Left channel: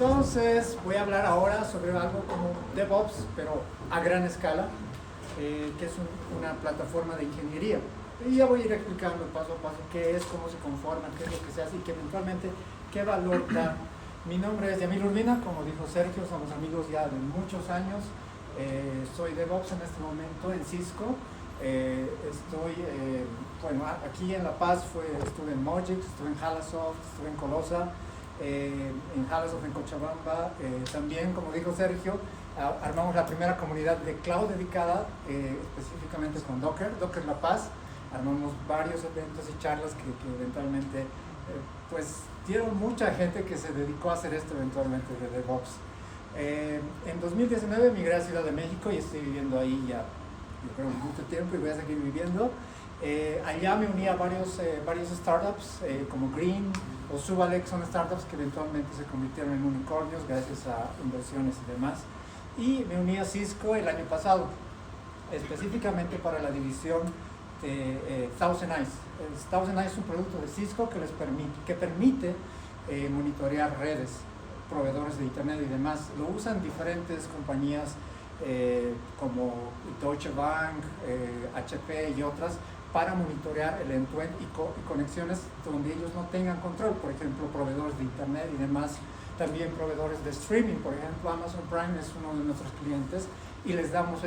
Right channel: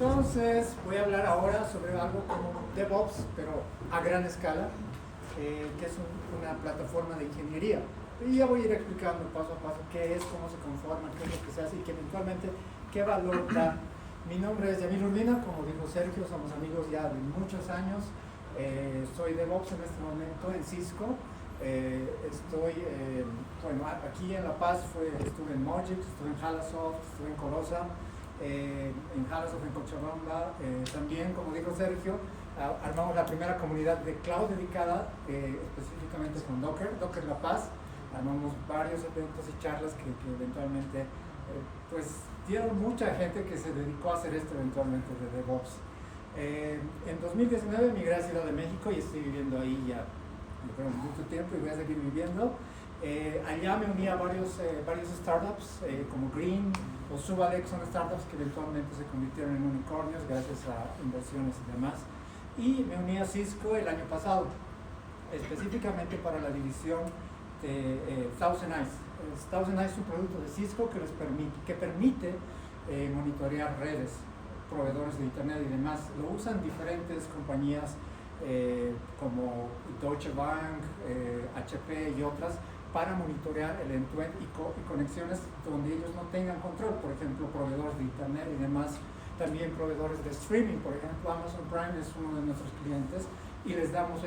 Entonces voy a hablar ahora sobre algo como DevOps, pero a gran escala, que es una plataforma de ingeniería. Y ya voy a ir explicando paso a paso qué es, cómo se conforma, qué es lo que se hace y que eventualmente qué valor da. Mi nombre es Yamil Urbina, como dijo Sergio, somos amigos ya de muchos años. Soy DevOps en este momento en Cisco. Bueno, aquí en La Paz estuve en Mojix, estuve en Halasoft, estuve en Colosa. En Halasoft, en Cochabamba, también, como dijo Sergio, armamos la primera comunidad de cloud dedicada específicamente con Docker La Paz. Armamos varios eventos y charlas que eventualmente pues dieron mucha gente que se dedicó a hacer esto eventualmente de DevOps. En 2019 migré a Ciudad de México y estoy viviendo ahí ya, yo creo, mucho tiempo y voy a seguir viviendo. Allá me uní a varios startups como Green o Subalex, son startups que eventualmente se convirtieron en unicornios gracias a inversiones y demás. Y me uní a Cisco el año pasado, específicamente para la división de Thousand Eyes. Thousand Eyes es un producto de Cisco que permite monitorear redes, proveedores de internet y demás. Lo usan diferentes compañías como Deutsche Bank, HP y otras, para monitorear el end-to-end y conexiones donde ellos no tengan control, por ejemplo, proveedores de internet y demás, también proveedores de streaming, por ejemplo, Amazon Prime es uno de nuestros clientes y les damos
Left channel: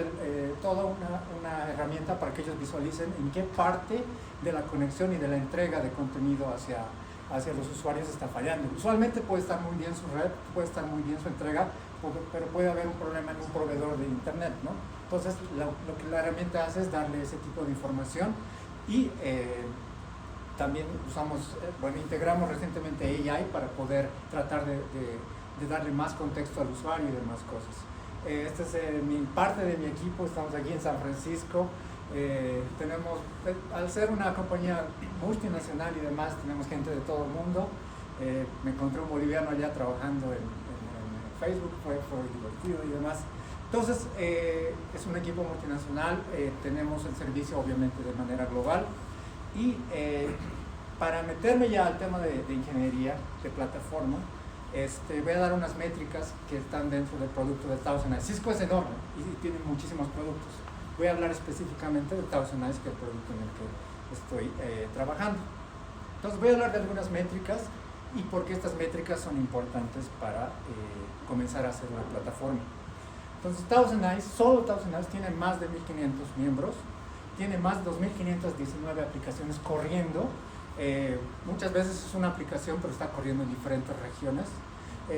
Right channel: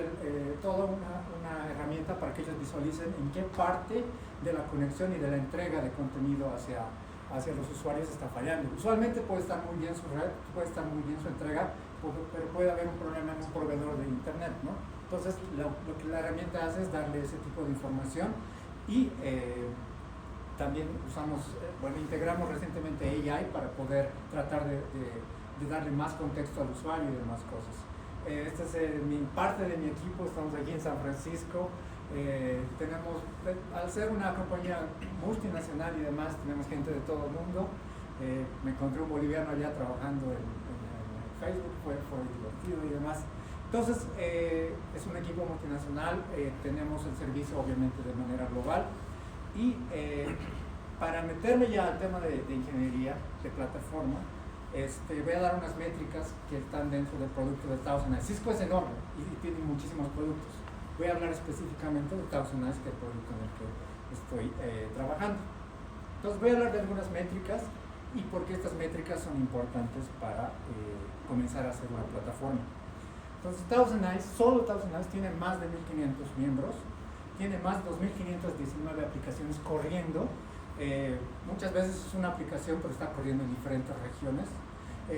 toda una herramienta para que ellos visualicen en qué parte de la conexión y de la entrega de contenido hacia los usuarios está fallando. Usualmente puede estar muy bien su red, puede estar muy bien su entrega, pero puede haber un problema en un proveedor de internet, ¿no? Entonces, lo que la herramienta hace es darle ese tipo de información y también integramos recientemente AI para poder tratar de darle más contexto al usuario y demás cosas. Esta es parte de mi equipo, estamos aquí en San Francisco. Al ser una compañía multinacional y demás, tenemos gente de todo el mundo. Me encontré un boliviano allá trabajando en Facebook, fue divertido y demás. Entonces, es un equipo multinacional, tenemos el servicio obviamente de manera global y para meterme ya al tema de ingeniería, de plataforma, voy a dar unas métricas que están dentro del producto de Thousand Eyes. Cisco es enorme y tiene muchísimos productos. Voy a hablar específicamente de Thousand Eyes, que es el producto en el que estoy trabajando. Entonces voy a hablar de algunas métricas y por qué estas métricas son importantes para comenzar a hacer una plataforma. Entonces solo Thousand Eyes tiene más de 1.500 miembros, tiene más de 2.519 aplicaciones corriendo. Muchas veces es una aplicación pero está corriendo en diferentes regiones.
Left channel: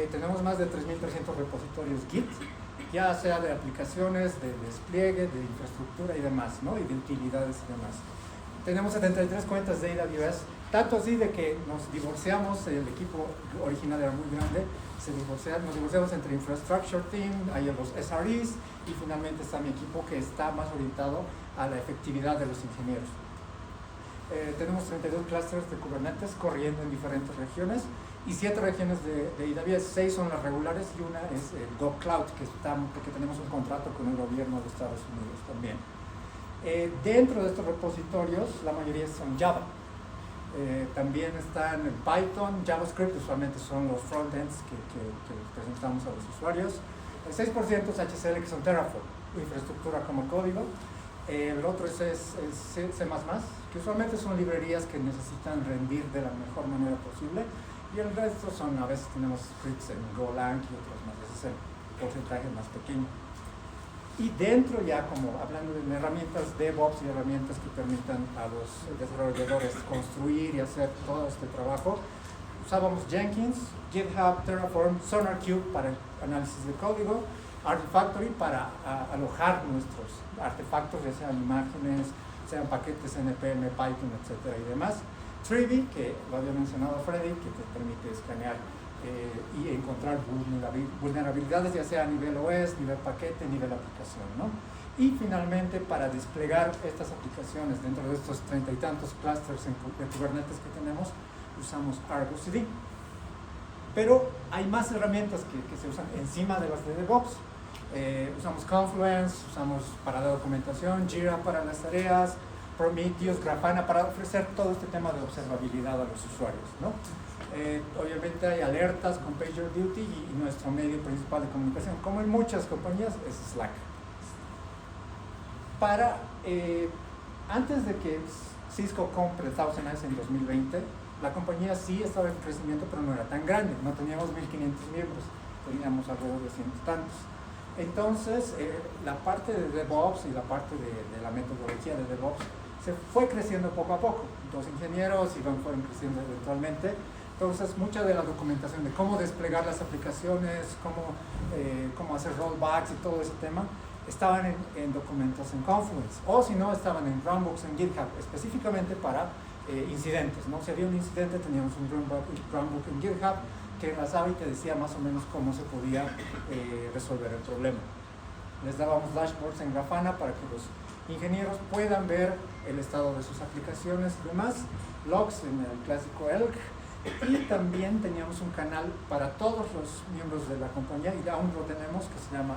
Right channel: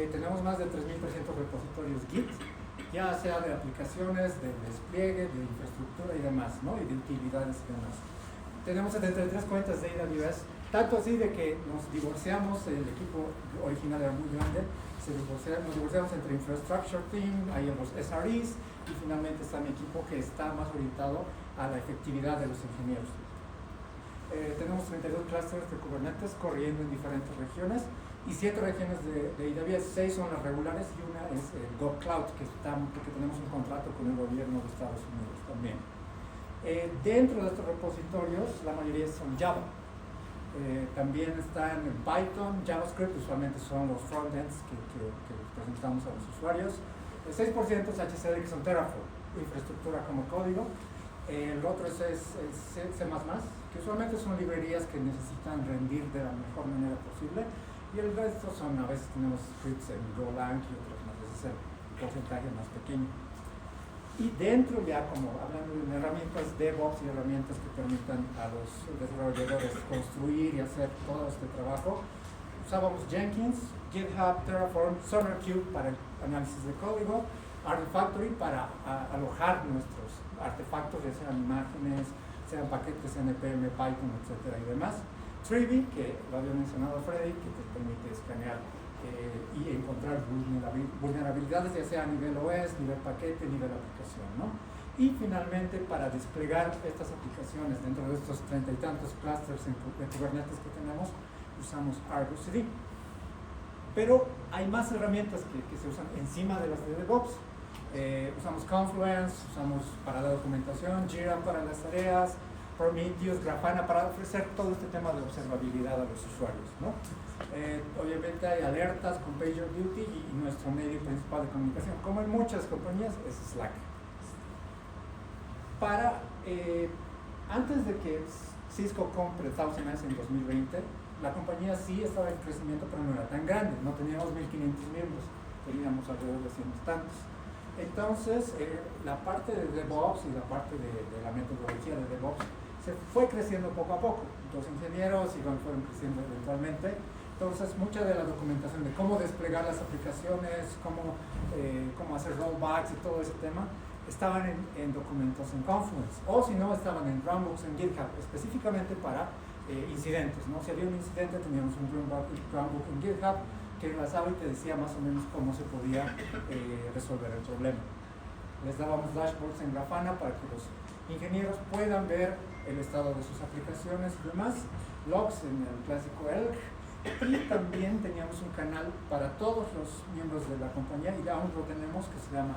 Tenemos más de 3.300 repositorios Git, ya sea de aplicaciones, de despliegue, de infraestructura y demás, ¿no? Y de utilidades y demás. Tenemos 73 cuentas de AWS, tanto así de que nos divorciamos, el equipo original era muy grande, nos divorciamos entre Infrastructure Team, hay los SREs y finalmente está mi equipo que está más orientado a la efectividad de los ingenieros. Tenemos 32 clusters de Kubernetes corriendo en diferentes regiones y 7 regiones de AWS, 6 son las regulares y una es GovCloud, porque tenemos un contrato con el gobierno de Estados Unidos también. Dentro de estos repositorios, la mayoría son Java. También están en Python, JavaScript, usualmente son los frontends que presentamos a los usuarios. El 6% es HCL, que son Terraform, infraestructura como código. El otro es C++, que usualmente son librerías que necesitan rendir de la mejor manera posible. Y el resto a veces tenemos scripts en Golang y otros más, ese es el porcentaje más pequeño. Y dentro ya, como hablando de herramientas DevOps y herramientas que permitan a los desarrolladores construir y hacer todo este trabajo, usábamos Jenkins, GitHub, Terraform, SonarQube para el análisis de código, Artifactory para alojar nuestros artefactos, ya sean imágenes, sean paquetes NPM, Python, etcétera y demás. Trivy, que lo había mencionado Freddy, que te permite escanear y encontrar vulnerabilidades, ya sea a nivel OS, nivel paquete, nivel aplicación, ¿no? Y finalmente, para desplegar estas aplicaciones dentro de estos 30 y tantos clusters de Kubernetes que tenemos, usamos Argo CD. Pero hay más herramientas que se usan encima de las de DevOps. Usamos Confluence, usamos para la documentación, Jira para las tareas, Prometheus, Grafana, para ofrecer todo este tema de observabilidad a los usuarios, ¿no? Obviamente hay alertas con PagerDuty y nuestro medio principal de comunicación, como en muchas compañías, es Slack. Antes de que Cisco compre ThousandEyes en 2020, la compañía sí estaba en crecimiento, pero no era tan grande, no teníamos 1.500 miembros, teníamos alrededor de 100 y tantos. Entonces, la parte de DevOps y la parte de la metodología de DevOps se fue creciendo poco a poco. Los ingenieros fueron creciendo eventualmente. Entonces, mucha de la documentación de cómo desplegar las aplicaciones, cómo hacer rollbacks y todo ese tema, estaban en documentos en Confluence, o si no, estaban en Runbooks en GitHub, específicamente para incidentes, ¿no? Si había un incidente, teníamos un runbook en GitHub que enlazaba y te decía más o menos cómo se podía resolver el problema. Les dábamos dashboards en Grafana para que los ingenieros puedan ver el estado de sus aplicaciones y demás, logs en el clásico Elk, y también teníamos un canal para todos los miembros de la compañía, y aún lo tenemos, que se llama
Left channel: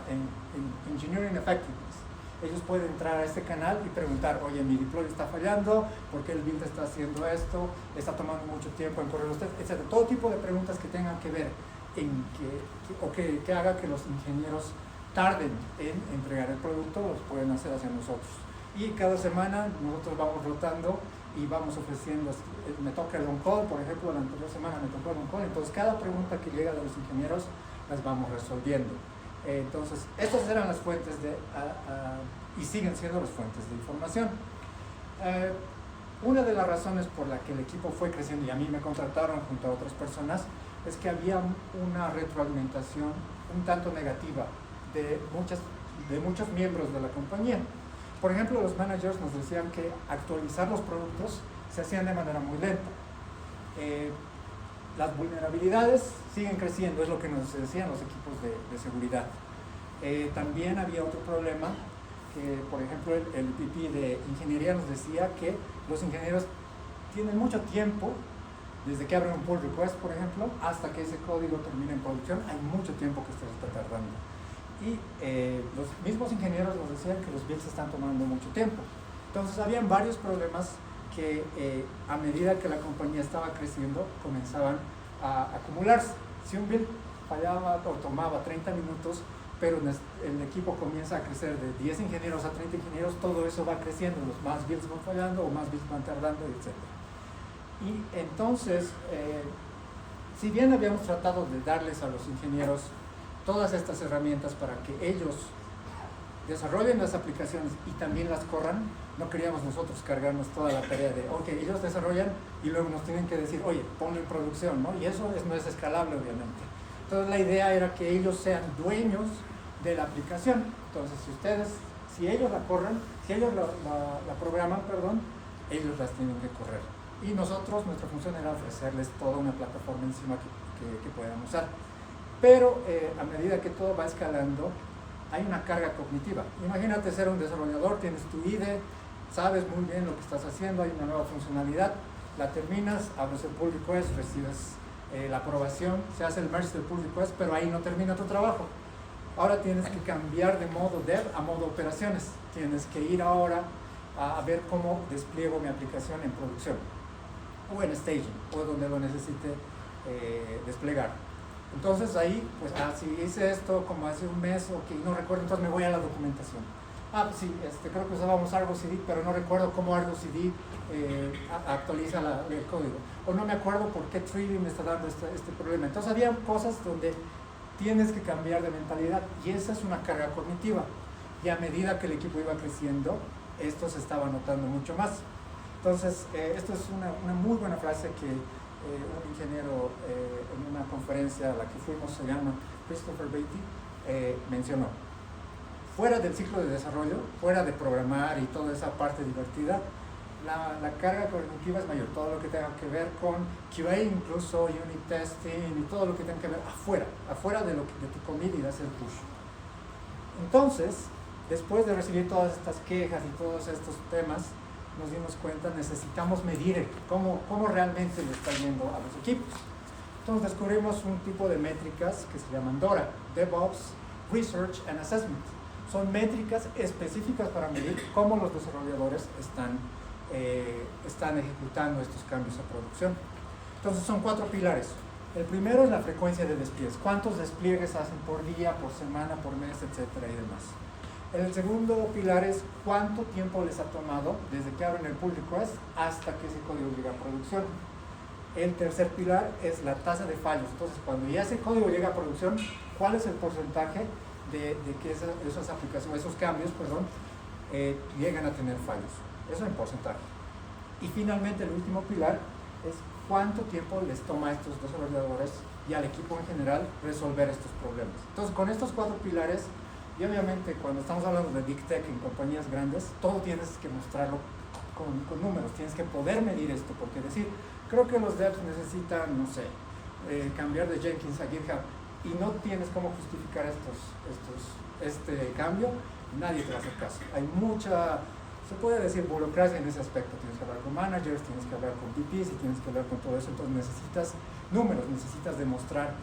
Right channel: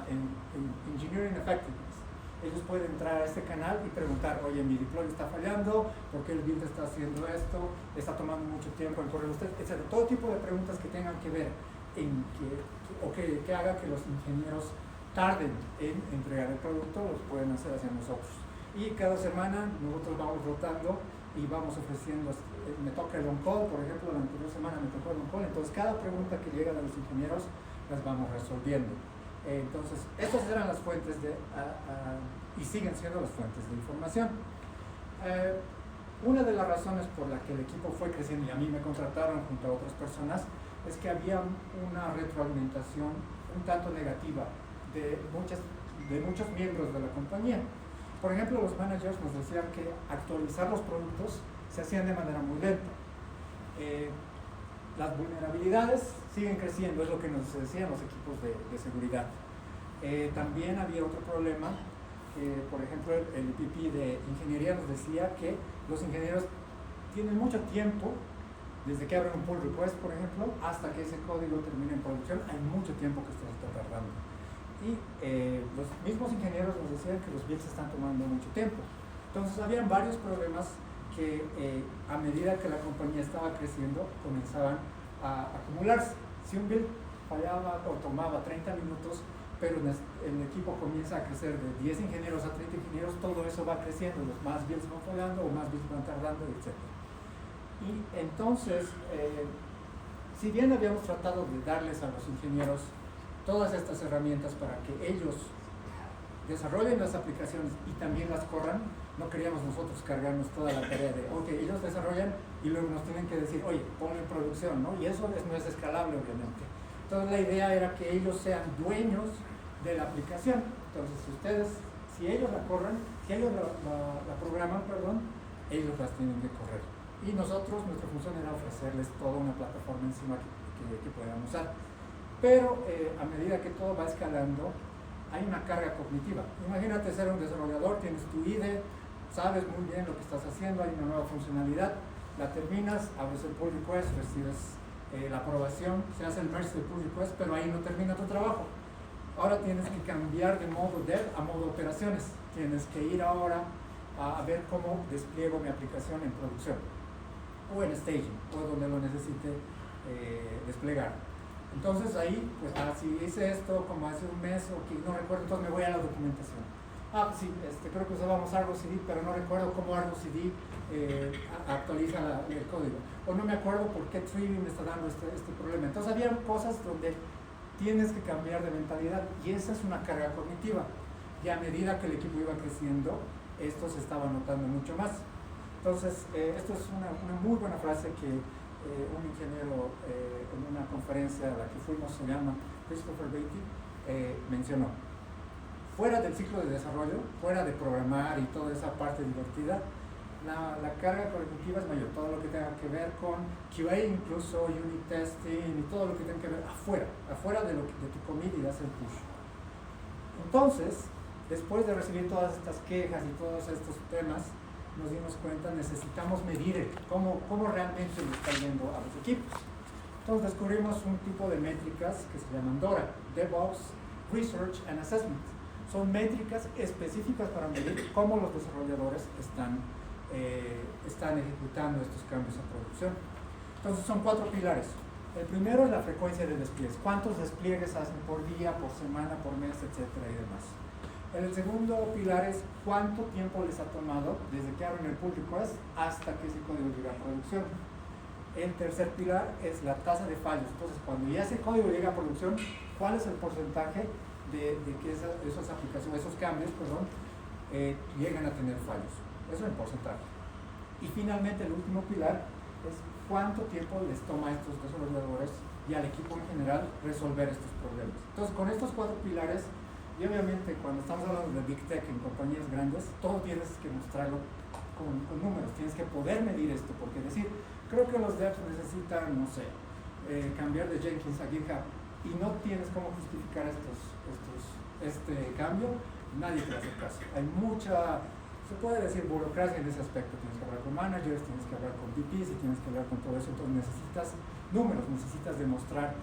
Engineering Effectiveness. Ellos pueden entrar a este canal y preguntar, oye, mi deploy está fallando, ¿por qué el build está haciendo esto? ¿Está tomando mucho tiempo en correr usted? Etc. Todo tipo de preguntas que tengan que ver que haga que los ingenieros tarden en entregar el producto, los pueden hacer hacia nosotros. Y cada semana nosotros vamos rotando y vamos ofreciendo, me toca el on-call, por ejemplo, la anterior semana me tocó el on-call, entonces cada pregunta que llega de los ingenieros las vamos resolviendo. Entonces, estas eran las fuentes y siguen siendo las fuentes de información. Una de las razones por la que el equipo fue creciendo y a mí me contrataron junto a otras personas es que había una retroalimentación un tanto negativa de muchos miembros de la compañía. Por ejemplo, los managers nos decían que actualizar los productos se hacían de manera muy lenta. Las vulnerabilidades siguen creciendo, es lo que nos decían los equipos de seguridad. También había otro problema, que por ejemplo el VP de ingeniería nos decía que los ingenieros tienen mucho tiempo, desde que abren un pull request, por ejemplo, hasta que ese código termine en producción, hay mucho tiempo que se está tardando. Y los mismos ingenieros nos decían que los builds están tomando mucho tiempo. Entonces habían varios problemas que a medida que la compañía estaba creciendo comenzaban a acumularse. Si un build fallaba o tomaba 30 minutos, pero el equipo comienza a crecer de 10 ingenieros a 30 ingenieros, todo eso va creciendo, los más builds van fallando o más builds van tardando, etc. Y entonces, si bien habíamos tratado de darles a los ingenieros todas estas herramientas para que ellos desarrollen las aplicaciones y también las corran, no queríamos nosotros cargarnos toda la tarea de, ok, ellos desarrollan y luego nos tienen que decir, oye, ponlo en producción, ¿no? Y eso no es escalable, obviamente. Entonces la idea era que ellos sean dueños de la aplicación. Entonces, si ellos la corran, si ellos la programan, perdón, ellos las tienen que correr. Y nosotros, nuestra función era ofrecerles toda una plataforma encima que puedan usar. Pero a medida que todo va escalando, hay una carga cognitiva. Imagínate ser un desarrollador, tienes tu IDE, sabes muy bien lo que estás haciendo, hay una nueva funcionalidad, la terminas, abres el pull request, recibes la aprobación, se hace el merge del pull request, pero ahí no termina tu trabajo. Ahora tienes que cambiar de modo dev a modo operaciones. Tienes que ir ahora a ver cómo despliego mi aplicación en producción, o en staging, o donde lo necesite desplegar. Entonces ahí, pues, si hice esto como hace un mes, ok, no recuerdo, entonces me voy a la documentación. Sí, creo que usábamos Argo CD, pero no recuerdo cómo Argo CD actualiza el código. O no me acuerdo por qué Trivium me está dando este problema. Entonces había cosas donde tienes que cambiar de mentalidad y esa es una carga cognitiva. Y a medida que el equipo iba creciendo, esto se estaba notando mucho más. Entonces, esto es una muy buena frase que un ingeniero en una conferencia a la que fuimos, se llama Christopher Beatty, mencionó. Fuera del ciclo de desarrollo, fuera de programar y toda esa parte divertida, la carga cognitiva es mayor, todo lo que tenga que ver con QA, incluso unit testing y todo lo que tenga que ver afuera de tu comida y de hacer push. Entonces, después de recibir todas estas quejas y todos estos temas, nos dimos cuenta, necesitamos medir cómo realmente lo está yendo a los equipos. Entonces descubrimos un tipo de métricas que se llaman DORA, DevOps, Research and Assessment. Son métricas específicas para medir cómo los desarrolladores están están ejecutando estos cambios a producción. Entonces son 4 pilares. El primero es la frecuencia de despliegues. ¿Cuántos despliegues hacen por día, por semana, por mes, etcétera y demás? El segundo pilar es cuánto tiempo les ha tomado desde que abren el pull request hasta que ese código llega a producción. El tercer pilar es la tasa de fallos. Entonces, cuando ya ese código llega a producción, ¿cuál es el porcentaje de que esas aplicaciones, esos cambios, llegan a tener fallos? Eso en porcentaje. Y finalmente, el último pilar es cuánto tiempo les toma a estos desarrolladores y al equipo en general resolver estos problemas. Entonces, con estos 4 pilares, y obviamente cuando estamos hablando de Big Tech en compañías grandes, todo tienes que mostrarlo con números, tienes que poder medir esto, porque decir, creo que los devs necesitan, no sé, cambiar de Jenkins a GitHub y no tienes cómo justificar este cambio, nadie te va a hacer caso. Hay mucha, se puede decir, burocracia en ese aspecto. Tienes que hablar con managers, tienes que hablar con VPs y tienes que hablar con todo eso. Entonces necesitas números, necesitas demostrar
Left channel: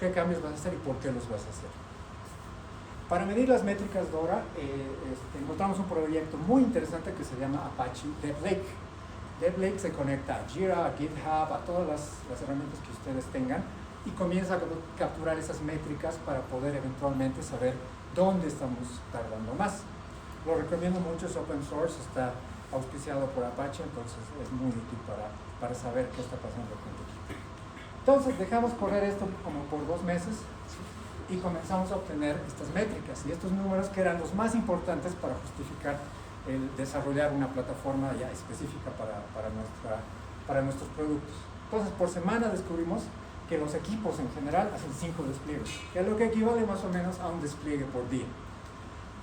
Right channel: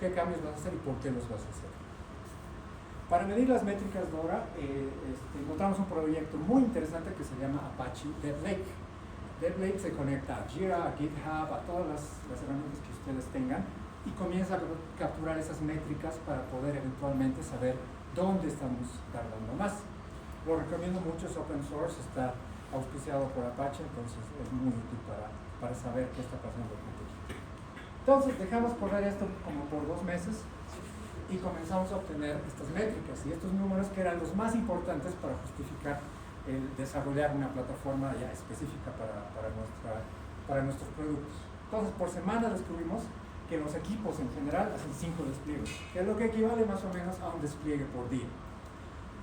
qué cambios vas a hacer y por qué los vas a hacer. Para medir las métricas Dora, encontramos un proyecto muy interesante que se llama Apache DevLake. DevLake se conecta a Jira, a GitHub, a todas las herramientas que ustedes tengan y comienza a capturar esas métricas para poder eventualmente saber dónde estamos tardando más. Lo recomiendo mucho, es open source, está auspiciado por Apache, entonces es muy útil para saber qué está pasando con tu equipo. Entonces dejamos correr esto como por 2 meses y comenzamos a obtener estas métricas y estos números que eran los más importantes para justificar el desarrollar una plataforma ya específica para nuestros productos. Entonces, por semana descubrimos que los equipos en general hacen 5 despliegues, que es lo que equivale más o menos a un despliegue por día.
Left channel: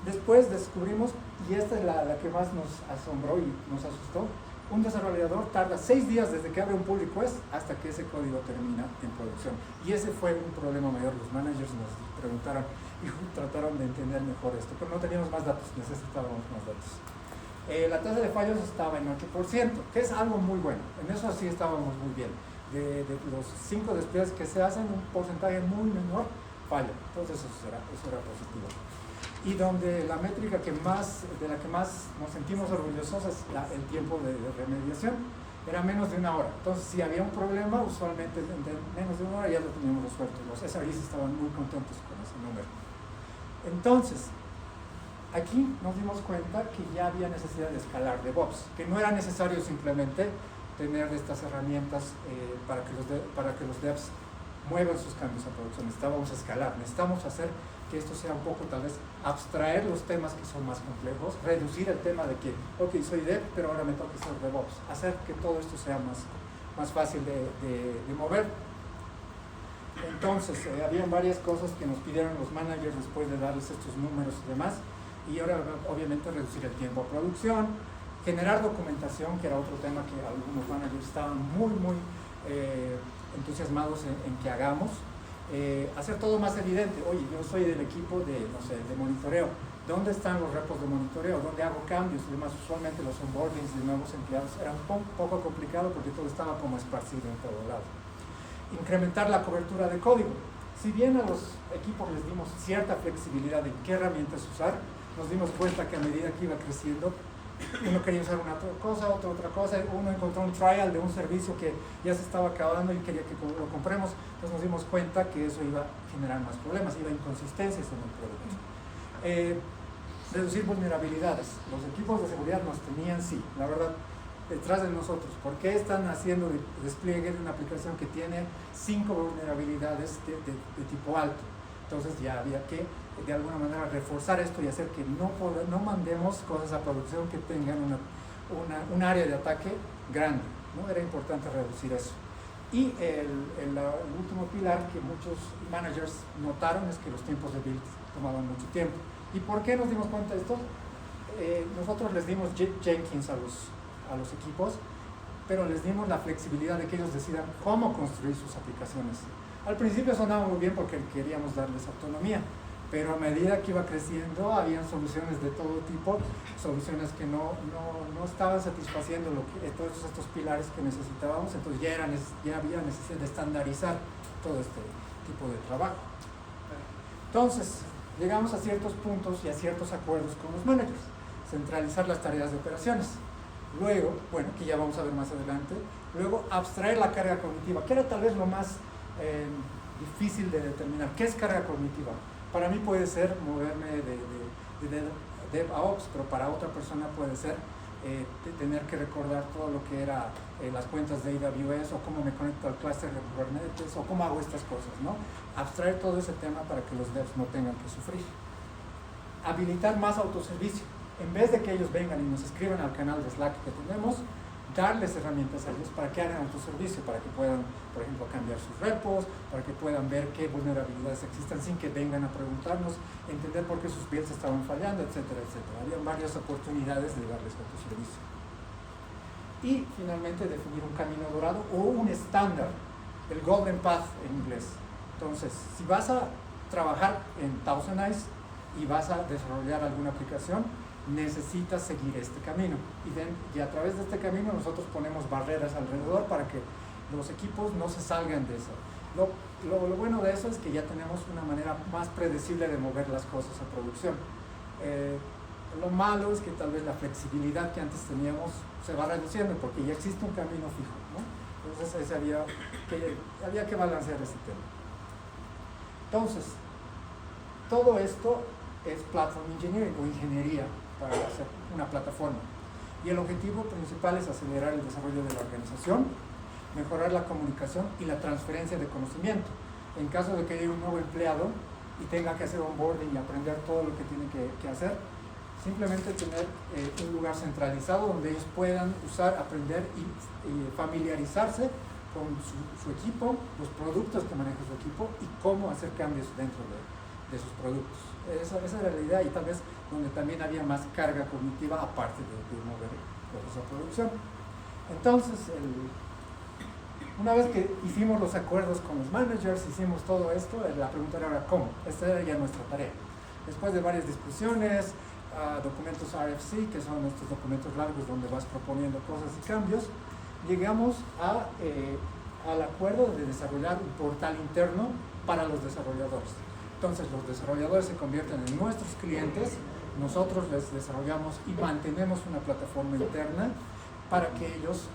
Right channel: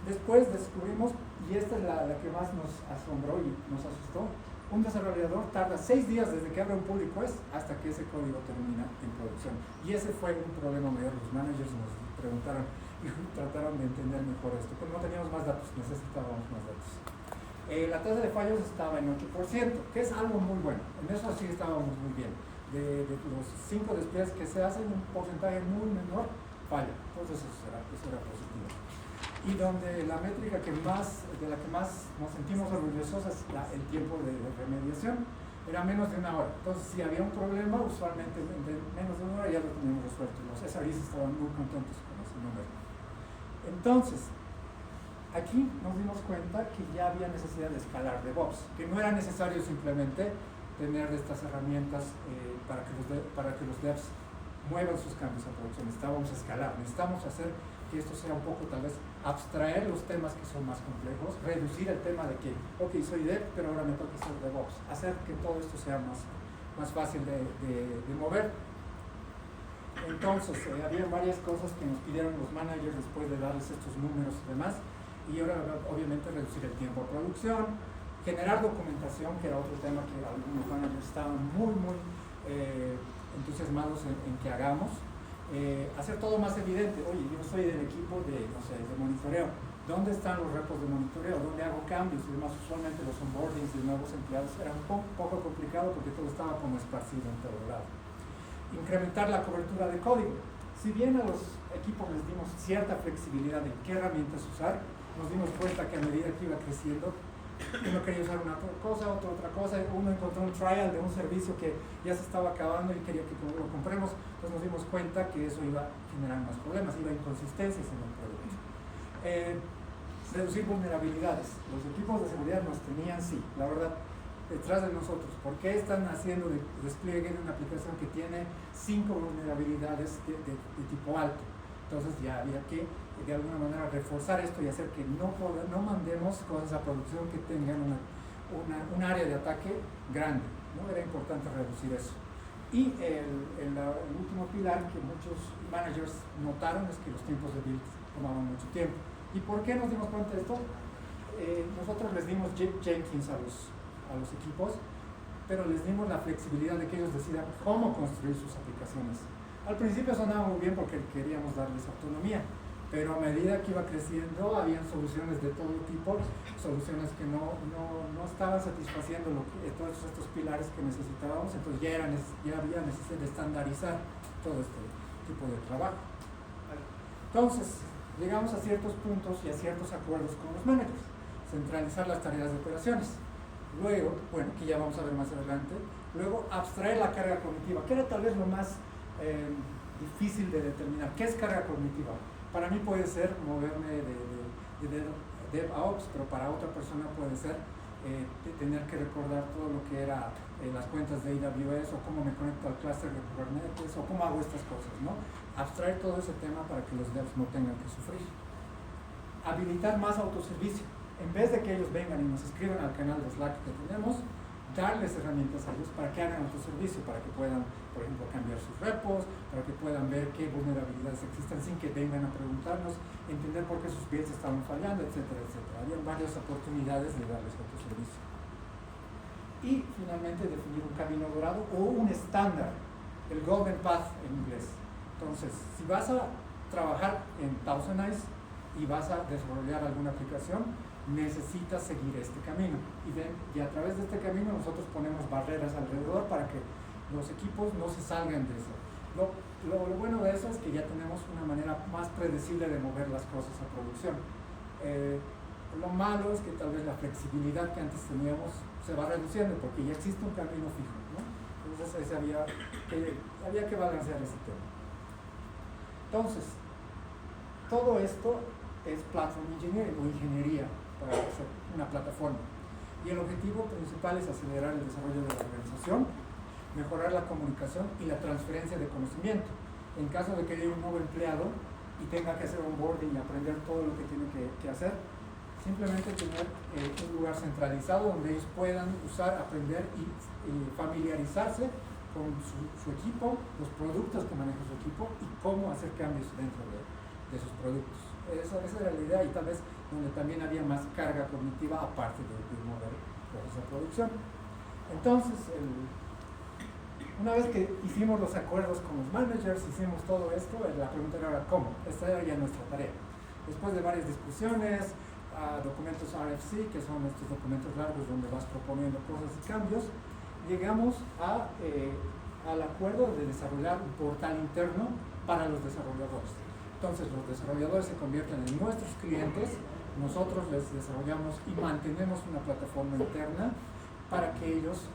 Después descubrimos, y esta es la que más nos asombró y nos asustó, un desarrollador tarda 6 días desde que abre un pull request hasta que ese código termina en producción. Y ese fue un problema mayor. Los managers nos preguntaron y trataron de entender mejor esto, pero no teníamos más datos, necesitábamos más datos. La tasa de fallos estaba en 8%, que es algo muy bueno. En eso sí estábamos muy bien. De los 5 despliegues que se hacen, un porcentaje muy menor falla. Entonces eso era positivo. Y donde la métrica de la que más nos sentimos orgullosos es el tiempo de remediación. Era menos de 1 hora. Entonces, si había un problema, usualmente en menos de 1 hora ya lo teníamos resuelto. Los SREs estaban muy contentos con ese número. Entonces, aquí nos dimos cuenta que ya había necesidad de escalar DevOps, que no era necesario simplemente tener estas herramientas para que los devs muevan sus cambios a producción. Necesitábamos escalar, necesitamos hacer que esto sea un poco, tal vez, abstraer los temas que son más complejos, reducir el tema de que, ok, soy dev, pero ahora me toca ser DevOps, hacer que todo esto sea más fácil de mover. Entonces, había varias cosas que nos pidieron los managers después de darles estos números y demás, y ahora, obviamente, reducir el tiempo a producción, generar documentación, que era otro tema que algunos managers estaban muy entusiasmados en que hagamos. Hacer todo más evidente. Oye, yo soy del equipo de monitoreo. ¿Dónde están los repos de monitoreo? ¿Dónde hago cambios y demás? Usualmente los onboardings de nuevos empleados era un poco complicado porque todo estaba como esparcido en todo lado. Incrementar la cobertura de código. Si bien a los equipos les dimos cierta flexibilidad en qué herramientas usar, nos dimos cuenta que a medida que iba creciendo, uno quería usar una cosa, otra cosa, uno encontró un trial de un servicio que ya se estaba acabando y quería que lo compremos, entonces nos dimos cuenta que eso iba a generar más problemas, iba a inconsistencias en el producto. Reducir vulnerabilidades. Los equipos de seguridad nos tenían, sí, la verdad, detrás de nosotros. ¿Por qué están haciendo despliegue de una aplicación que tiene 5 vulnerabilidades de tipo alto? Entonces ya había que, de alguna manera, reforzar esto y hacer que no mandemos cosas a producción que tengan un área de ataque grande, ¿no? Era importante reducir eso. Y el último pilar que muchos managers notaron es que los tiempos de build tomaban mucho tiempo. ¿Y por qué nos dimos cuenta de esto? Nosotros les dimos Jenkins a los equipos, pero les dimos la flexibilidad de que ellos decidan cómo construir sus aplicaciones. Al principio sonaba muy bien porque queríamos darles autonomía, pero a medida que iba creciendo habían soluciones de todo tipo, soluciones que no estaban satisfaciendo todos estos pilares que necesitábamos, entonces ya había necesidad de estandarizar todo este tipo de trabajo. Entonces, llegamos a ciertos puntos y a ciertos acuerdos con los managers. Centralizar las tareas de operaciones. Luego, bueno, que ya vamos a ver más adelante, luego abstraer la carga cognitiva, que era tal vez lo más difícil de determinar. ¿Qué es carga cognitiva? Para mí puede ser moverme de DevOps, pero para otra persona puede ser tener que recordar todo lo que era las cuentas de AWS, o cómo me conecto al clúster de Kubernetes, o cómo hago estas cosas, ¿no? Abstraer todo ese tema para que los devs no tengan que sufrir. Habilitar más autoservicio. En vez de que ellos vengan y nos escriban al canal de Slack que tenemos, darles herramientas a ellos para que hagan autoservicio, para que puedan, por ejemplo, cambiar sus repos, para que puedan ver qué vulnerabilidades existen sin que vengan a preguntarnos, entender por qué sus builds estaban fallando, etcétera, etcétera. Había varias oportunidades de darles autoservicio. Y finalmente definir un camino dorado o un estándar, el Golden Path en inglés. Entonces, si vas a trabajar en Thousand Eyes y vas a desarrollar alguna aplicación, necesitas seguir este camino. Y a través de este camino nosotros ponemos barreras alrededor para que los equipos no se salgan de eso. Lo bueno de eso es que ya tenemos una manera más predecible de mover las cosas a producción. Lo malo es que tal vez la flexibilidad que antes teníamos se va reduciendo porque ya existe un camino fijo, ¿no? Entonces había que balancear ese tema. Entonces, todo esto es platform engineering o ingeniería para hacer una plataforma. Y el objetivo principal es acelerar el desarrollo de la organización, mejorar la comunicación y la transferencia de conocimiento. En caso de que haya un nuevo empleado y tenga que hacer onboarding y aprender todo lo que tiene que hacer, simplemente tener un lugar centralizado donde ellos puedan usar, aprender y familiarizarse con su equipo, los productos que maneja su equipo y cómo hacer cambios dentro de sus productos. Esa era la idea, y tal vez donde también había más carga cognitiva aparte de mover cosas a producción. Entonces, una vez que hicimos los acuerdos con los managers, hicimos todo esto, la pregunta era ahora ¿cómo? Esta era ya nuestra tarea. Después de varias discusiones, documentos RFC, que son estos documentos largos donde vas proponiendo cosas y cambios, llegamos al acuerdo de desarrollar un portal interno para los desarrolladores. Entonces los desarrolladores se convierten en nuestros clientes, nosotros les desarrollamos y mantenemos una plataforma interna para que ellos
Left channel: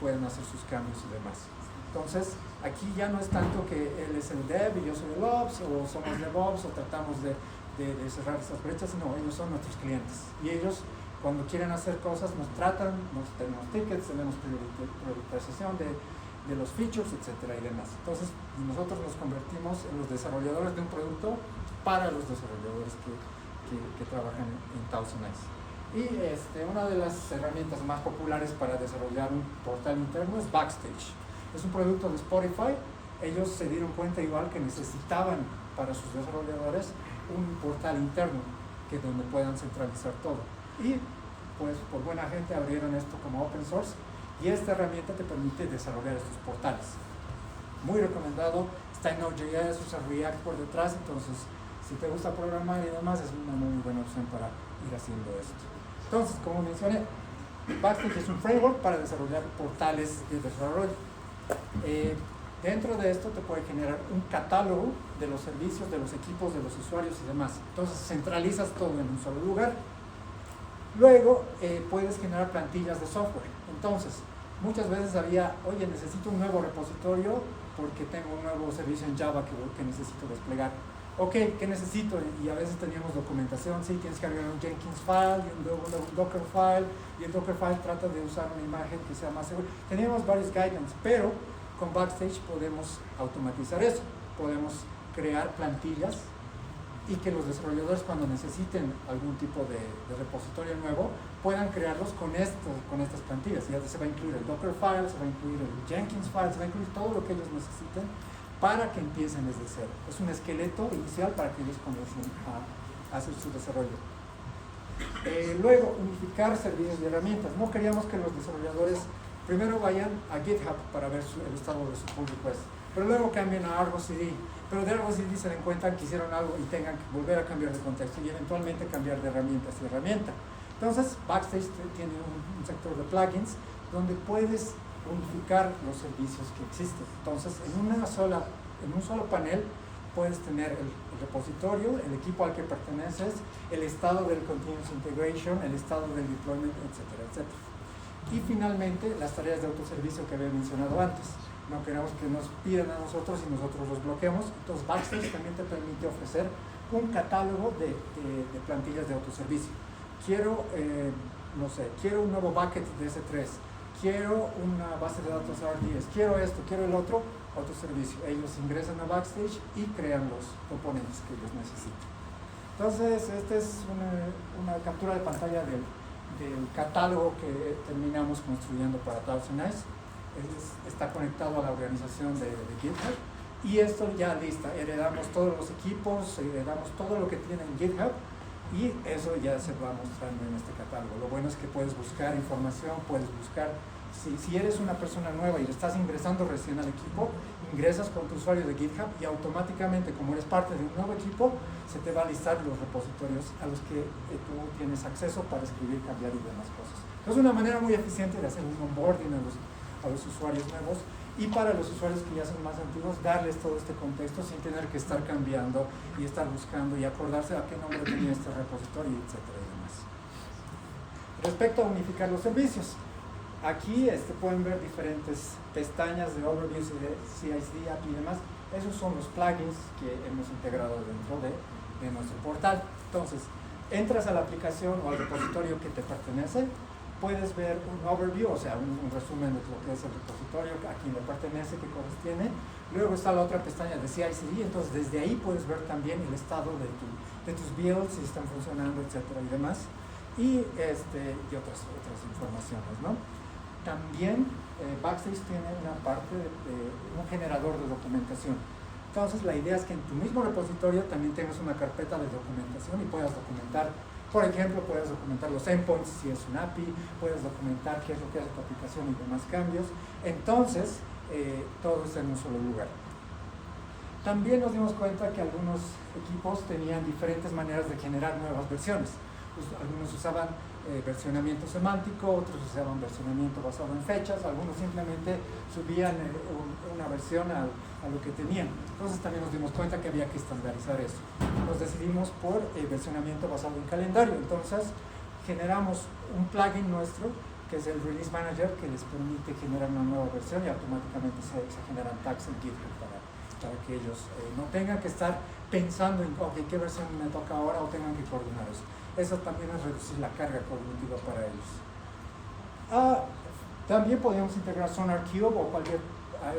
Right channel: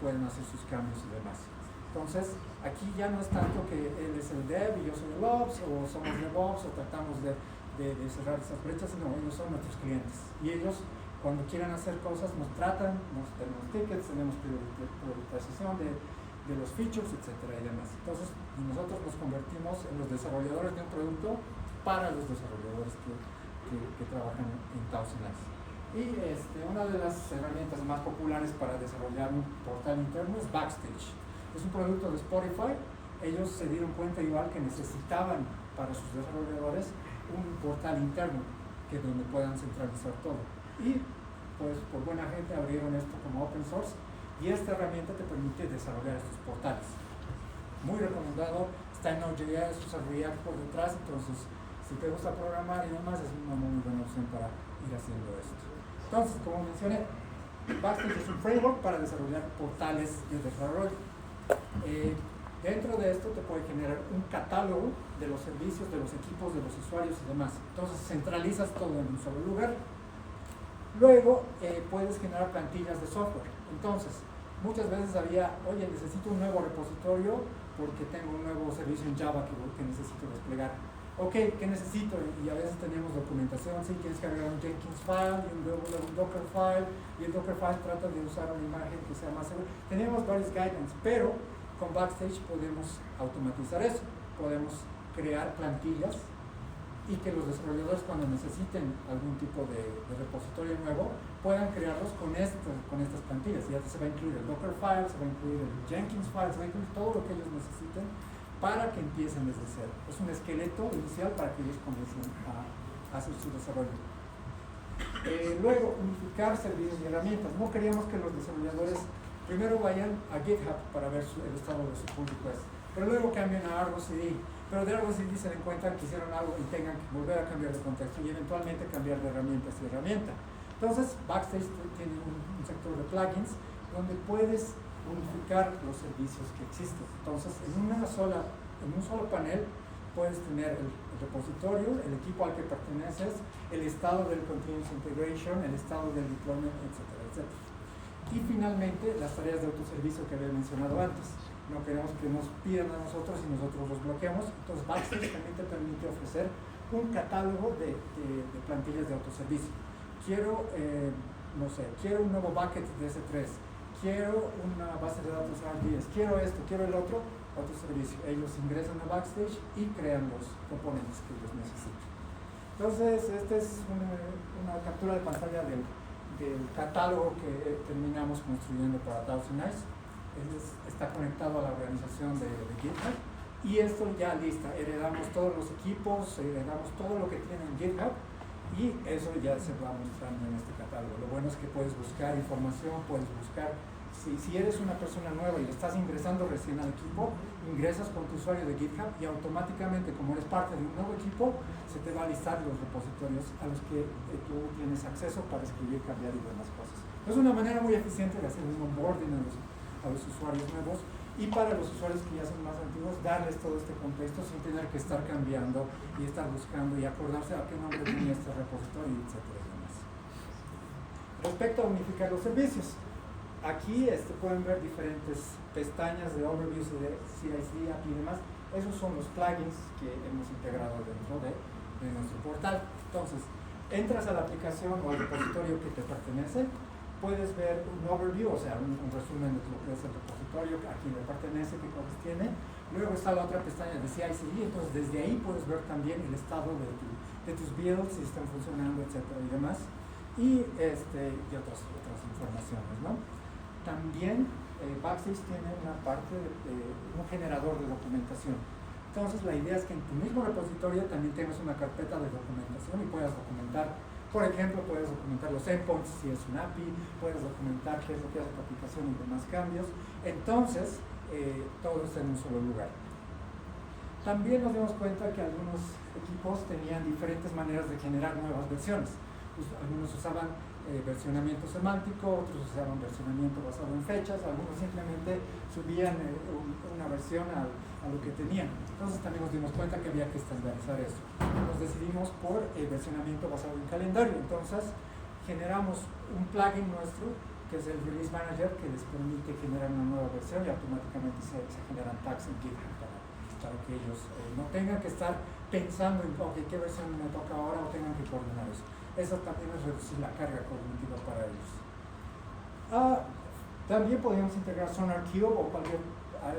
puedan hacer sus cambios y demás. Entonces aquí ya no es tanto que él es el dev y yo soy el ops, o somos DevOps, o tratamos de cerrar esas brechas, sino ellos son nuestros clientes. Y ellos, cuando quieren hacer cosas, nos tratan, tenemos tickets, tenemos priorización de los features, etcétera y demás. Entonces, nosotros nos convertimos en los desarrolladores de un producto para los desarrolladores que trabajan en Thousand Eyes. Y una de las herramientas más populares para desarrollar un portal interno es Backstage. Es un producto de Spotify. Ellos se dieron cuenta igual que necesitaban para sus desarrolladores un portal interno donde puedan centralizar todo. Y pues por buena gente abrieron esto como open source, y esta herramienta te permite desarrollar estos portales. Muy recomendado, está en Node.js, usa React por detrás, entonces si te gusta programar y demás es una muy buena opción para ir haciendo esto. Entonces, como mencioné, Backstage es un framework para desarrollar portales de desarrollo. Dentro de esto te puede generar un catálogo de los servicios, de los equipos, de los usuarios y demás. Entonces centralizas todo en un solo lugar. Luego puedes generar plantillas de software. Entonces, muchas veces había, oye, necesito un nuevo repositorio porque tengo un nuevo servicio en Java que necesito desplegar. Ok, ¿qué necesito? Y a veces teníamos documentación, sí, tienes que agregar un Jenkins file y un Docker file, y el Docker file trata de usar una imagen que sea más segura. Teníamos varios guidelines, pero con Backstage podemos automatizar eso, podemos crear plantillas y que los desarrolladores, cuando necesiten algún tipo de repositorio nuevo, puedan crearlos con estas plantillas. Ya se va a incluir el Docker file, se va a incluir el Jenkins file, se va a incluir todo lo que ellos necesiten para que empiecen desde cero. Es un esqueleto inicial para que ellos comiencen a hacer su desarrollo. Luego, unificar servicios y herramientas. No queríamos que los desarrolladores primero vayan a GitHub para ver el estado de su pull request, pero luego cambien a Argo CD, pero de Argo CD se den cuenta que hicieron algo y tengan que volver a cambiar de contexto y eventualmente cambiar de herramientas y herramienta. Entonces, Backstage tiene un sector de plugins donde puedes unificar los servicios que existen. Entonces, en un solo panel puedes tener el repositorio, el equipo al que perteneces, el estado del continuous integration, el estado del deployment, etcétera, etcétera. Y finalmente, las tareas de autoservicio que había mencionado antes. No queremos que nos pidan a nosotros y nosotros los bloqueamos. Entonces, Backstage también te permite ofrecer un catálogo de plantillas de autoservicio. Quiero, no sé, quiero un nuevo bucket de S3, quiero una base de datos R10, quiero esto, quiero el otro, autoservicio. Ellos ingresan a Backstage y crean los componentes que los necesitan. Entonces, esta es una captura de pantalla del catálogo que terminamos construyendo para Thousand Eyes. Está conectado a la organización de GitHub y esto ya lista, heredamos todos los equipos, heredamos todo lo que tiene en GitHub y eso ya se va mostrando en este catálogo. Lo bueno es que puedes buscar información, puedes buscar, si eres una persona nueva y estás ingresando recién al equipo, ingresas con tu usuario de GitHub y automáticamente, como eres parte de un nuevo equipo, se te va a listar los repositorios a los que tú tienes acceso para escribir, cambiar y demás cosas. Es una manera muy eficiente de hacer un onboarding a los usuarios nuevos y para los usuarios que ya son más antiguos, darles todo este contexto sin tener que estar cambiando y estar buscando y acordarse a qué nombre tenía este repositorio, etcétera y demás. Respecto a unificar los servicios, aquí pueden ver diferentes pestañas de overviews y de CI/CD, API y demás. Esos son los plugins que hemos integrado dentro de nuestro portal. Entonces, entras a la aplicación o al repositorio que te pertenece, puedes ver un overview, o sea, un resumen de lo que es el repositorio, a quién le pertenece, qué cosas tiene. Luego está la otra pestaña de CI/CD, entonces desde ahí puedes ver también el estado de tus builds, si están funcionando, etcétera y demás. Y otras informaciones, ¿no? También Backstage tiene una parte un generador de documentación. Entonces la idea es que en tu mismo repositorio también tengas una carpeta de documentación y puedas documentar. Por ejemplo, puedes documentar los endpoints si es un API, puedes documentar qué es lo que hace tu aplicación y demás cambios. Entonces, todo está en un solo lugar. También nos dimos cuenta que algunos equipos tenían diferentes maneras de generar nuevas versiones. Pues, algunos usaban versionamiento semántico, otros usaban versionamiento basado en fechas, algunos simplemente subían una versión a lo que tenían. Entonces también nos dimos cuenta que había que estandarizar eso. Nos decidimos por versionamiento basado en calendario. Entonces generamos un plugin nuestro que es el Release Manager, que les permite generar una nueva versión y automáticamente se generan tags en GitHub para que ellos no tengan que estar pensando en qué versión me toca ahora o tengan que coordinar eso. Eso también es reducir la carga cognitiva para ellos. También podemos integrar SonarQube o cualquier